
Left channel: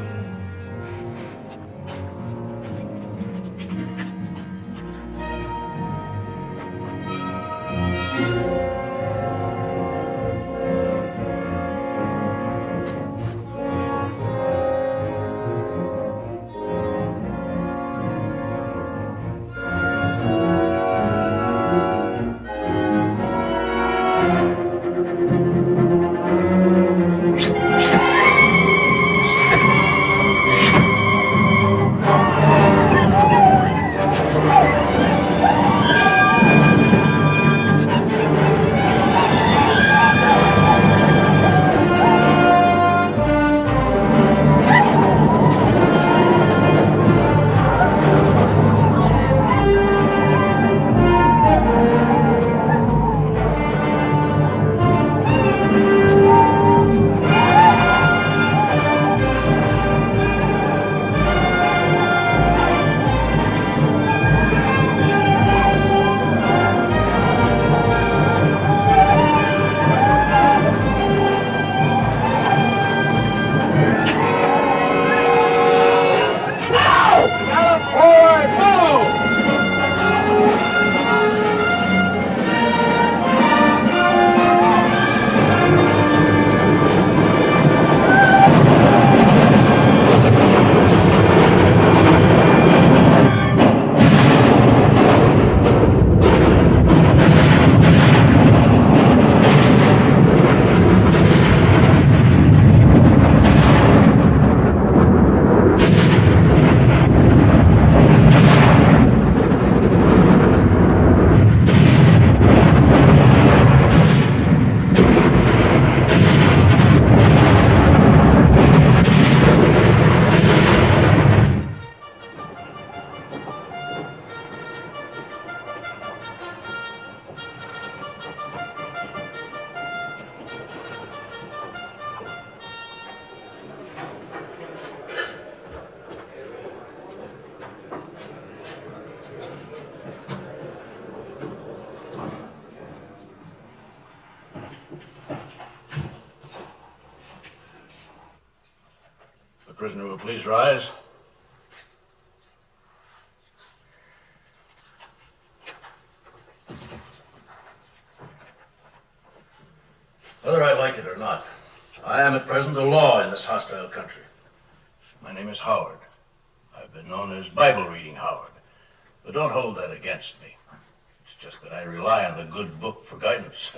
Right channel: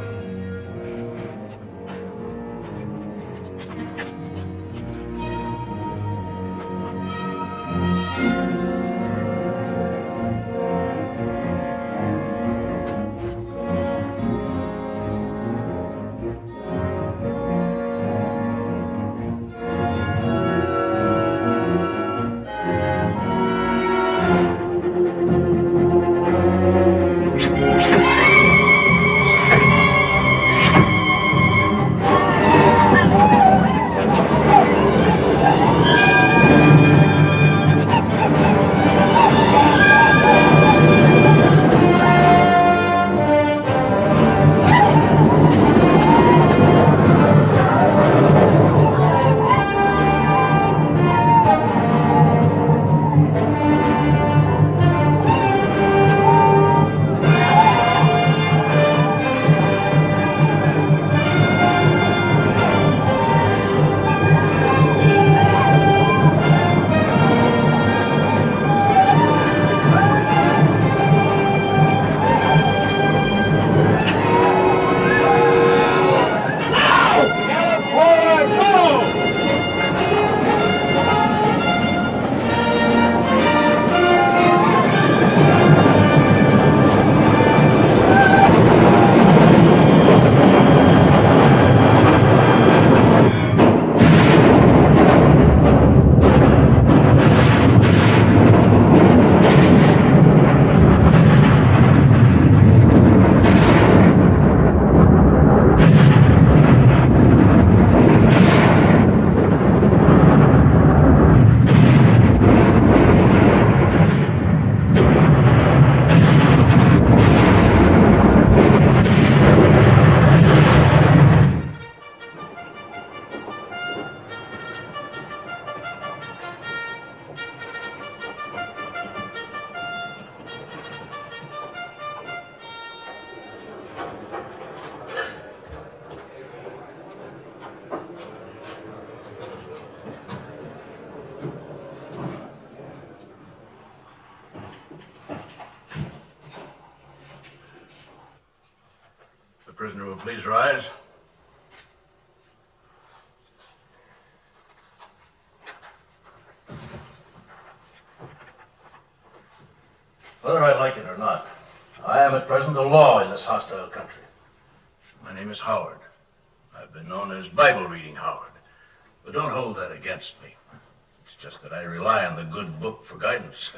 prisoner will please rise. Whether I like it or not, I am at present the law in this hostile country. My name is Howard. I've been known as Bible-reading Howard, but don't hold that against me. It's just that I rely on the good book for guidance.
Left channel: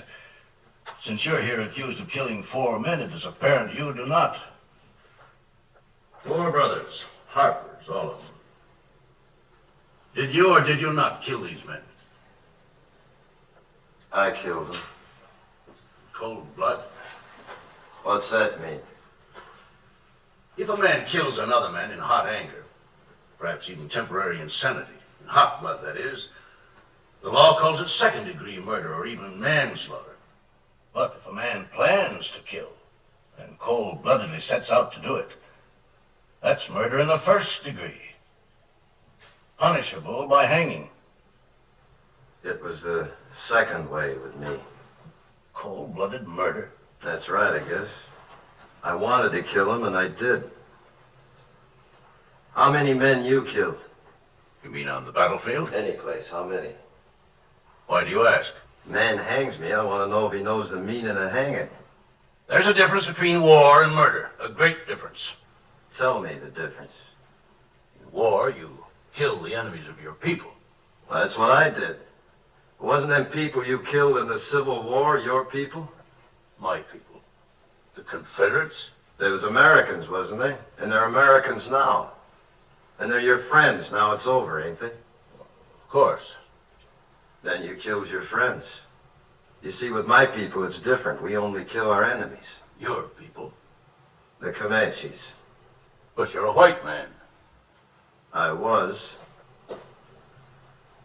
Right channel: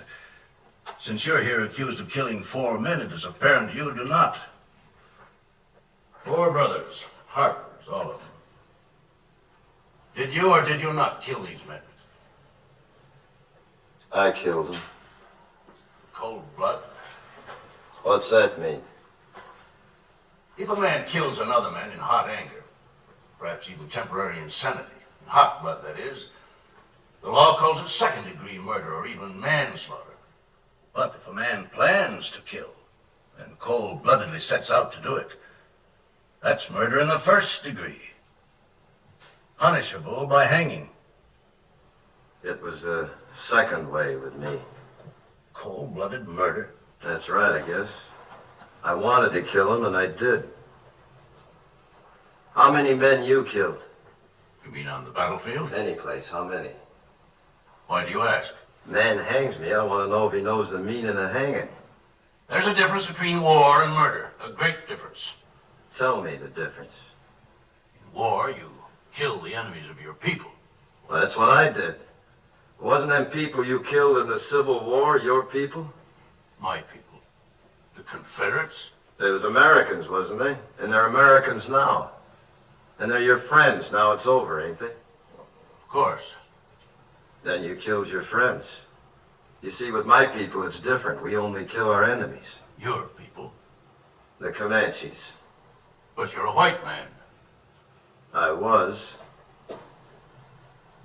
Since you're here accused of killing 4 men, it is apparent you do not. 4 brothers, Harpers, all of them. Did you or did you not kill these men? I killed them. Cold blood? What's that mean? If a man kills another man in hot anger, perhaps even temporary insanity, in hot blood that is, the law calls it second-degree murder or even manslaughter. But if a man plans to kill and cold-bloodedly sets out to do it, that's murder in the first degree, punishable by hanging. It was the second way with me. Cold-blooded murder? That's right, I guess. I wanted to kill him, and I did. How many men you killed? You mean on the battlefield? Any place, how many? Why do you ask? Man hangs me, I want to know if he knows the meaning of hanging. There's a difference between war and murder, a great difference. Tell me the difference. In war, you kill the enemies of your people. Well, that's what I did. Wasn't them people you killed in the Civil War your people? My people. The Confederates? They was Americans, wasn't they? And they're Americans now. And they're your friends. Now it's over, ain't they? Of course. Then you killed your friends. You see, with my people, it's different. We only kill our enemies. Your people? The Comanches. But you're a white man. I was.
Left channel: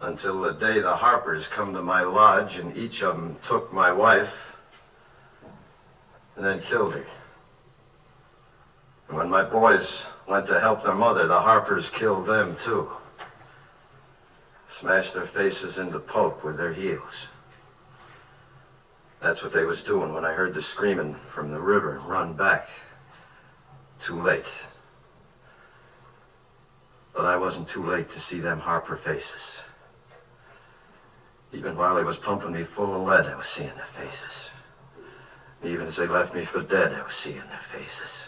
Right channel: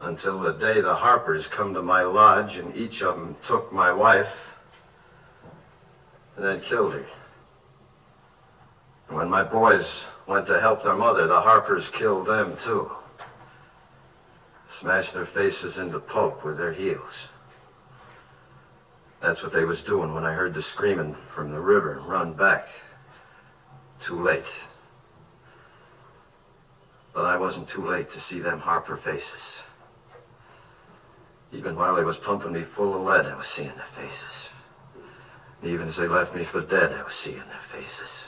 Until the day the Harpers come to my lodge and each of them took my wife and then killed her. And when my boys went to help their mother, the Harpers killed them too. Smashed their faces into pulp with their heels. That's what they was doing when I heard the screaming from the river and run back. Too late. But I wasn't too late to see them Harper faces. Even while they was pumping me full of lead, I was seeing their faces. Even as they left me for dead, I was seeing their faces.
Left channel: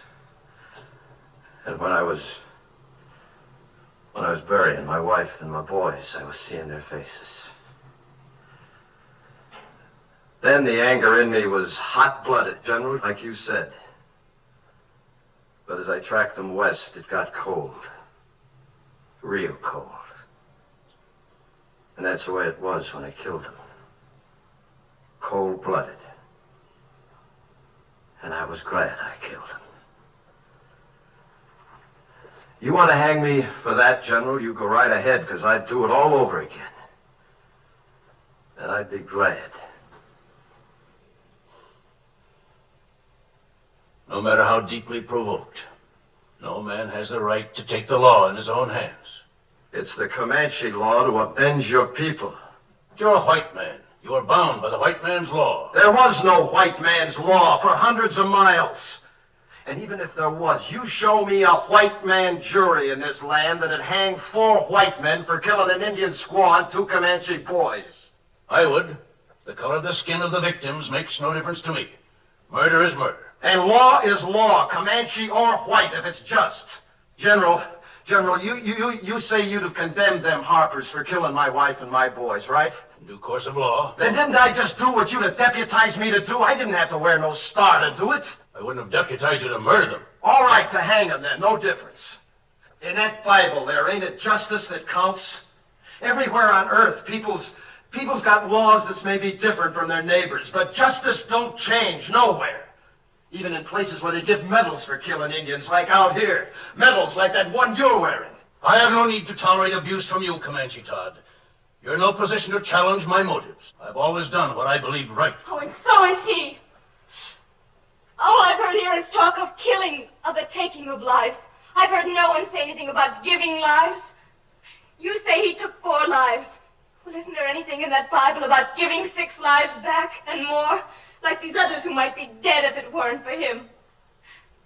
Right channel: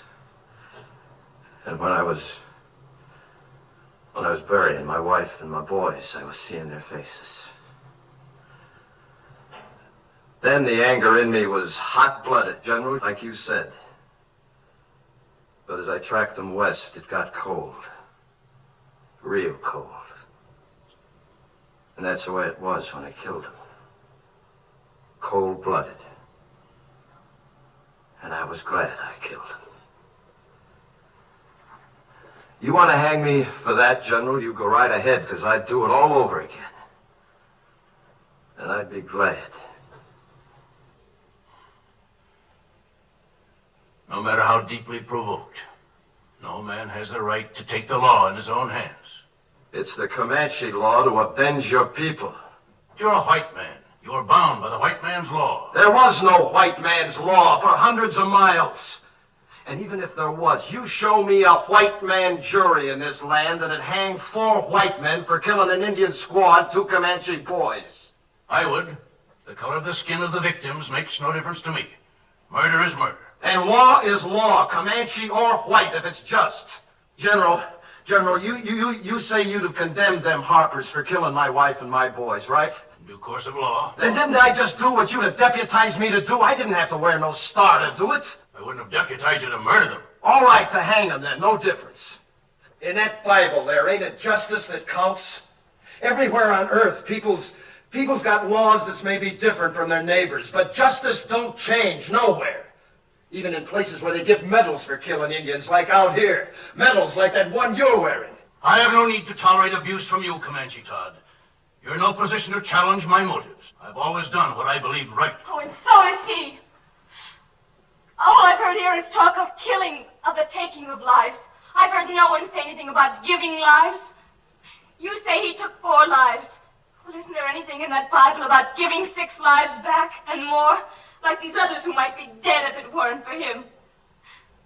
And when I was burying my wife and my boys, I was seeing their faces. Then the anger in me was hot-blooded, General, like you said. But as I tracked them west, it got cold. Real cold. And that's the way it was when I killed them. Cold-blooded. And I was glad I killed him. You want to hang me for that, General? You go right ahead, because I'd do it all over again. And I'd be glad. No matter how deeply provoked, no man has the right to take the law in his own hands. It's the Comanche law to avenge your people. You're a white man. You are bound by the white man's law. There was no white man's law for hundreds of miles. And even if there was, you show me a white man jury in this land that'd hang 4 white men for killing an Indian squad, 2 Comanche boys. I would. The color of the skin of the victims makes no difference to me. Murder is murder. And law is law, Comanche or white, if it's just. General, you say you'd have condemned them Harpers for killing my wife and my boys, right? In due course of law. Then didn't I just do what you'd have deputized me to do? I didn't have to wear no star to do it. I wouldn't have deputized you to murder them. All right, to hang them then, no difference. In that Bible there, ain't it justice that counts? Everywhere on earth, people's got laws that's maybe different from their neighbors, but justice don't change nowhere. Even in places where they give medals for killing Indians, like out here. Medals like that one you're wearing. I have no need to tolerate abuse from you, Comanche Todd. You're in no position to challenge my motives. I've always done what I believe right. Oh, and so is he. All I've heard here is talk of killing, of the taking of lives. I've heard no one say anything about giving lives. You say he took 4 lives. Well, isn't there anything in that Bible about giving 6 lives back and more? Like these others who might be dead if it weren't for him.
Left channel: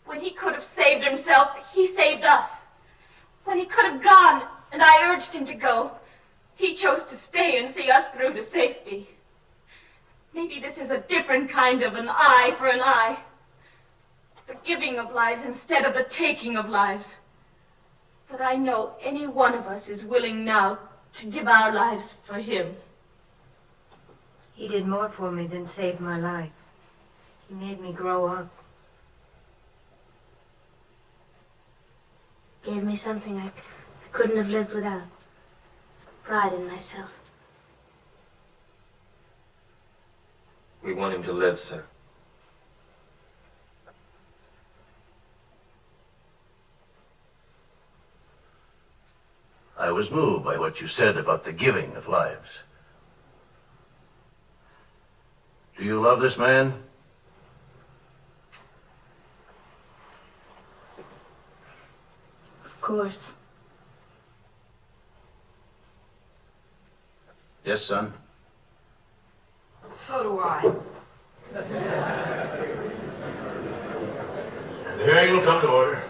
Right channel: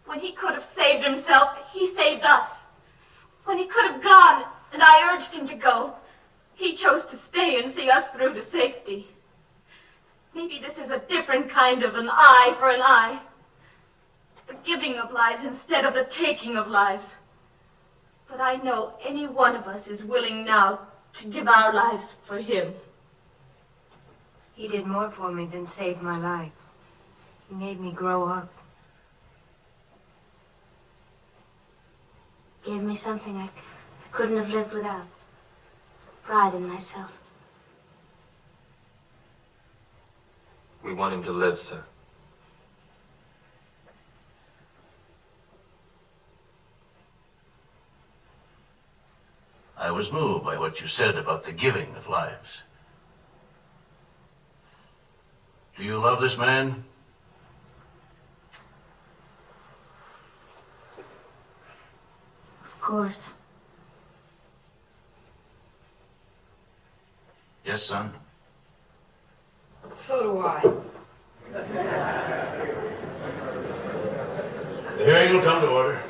When he could have saved himself, he saved us. When he could have gone, and I urged him to go, he chose to stay and see us through to safety. Maybe this is a different kind of an eye for an eye. The giving of lives instead of the taking of lives. But I know any one of us is willing now to give our lives for him. He did more for me than save my life. He made me grow up. Gave me something I couldn't have lived without. Pride in myself. We want him to live, sir. I was moved by what you said about the giving of lives. Do you love this man? Of course. Yes, son? So do I. The hearing will come to order.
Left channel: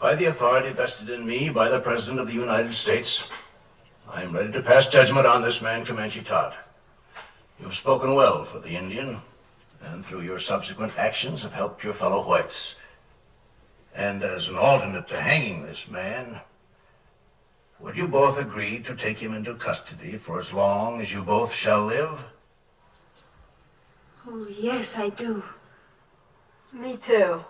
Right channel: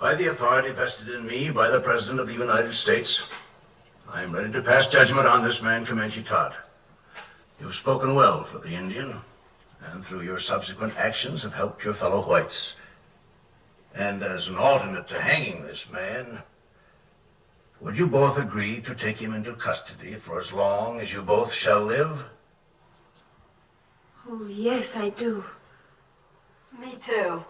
By the authority vested in me by the President of the United States, I am ready to pass judgment on this man, Comanche Todd. You've spoken well for the Indian, and through your subsequent actions have helped your fellow whites. And as an alternate to hanging this man, would you both agree to take him into custody for as long as you both shall live? Oh, yes, I do. Me too.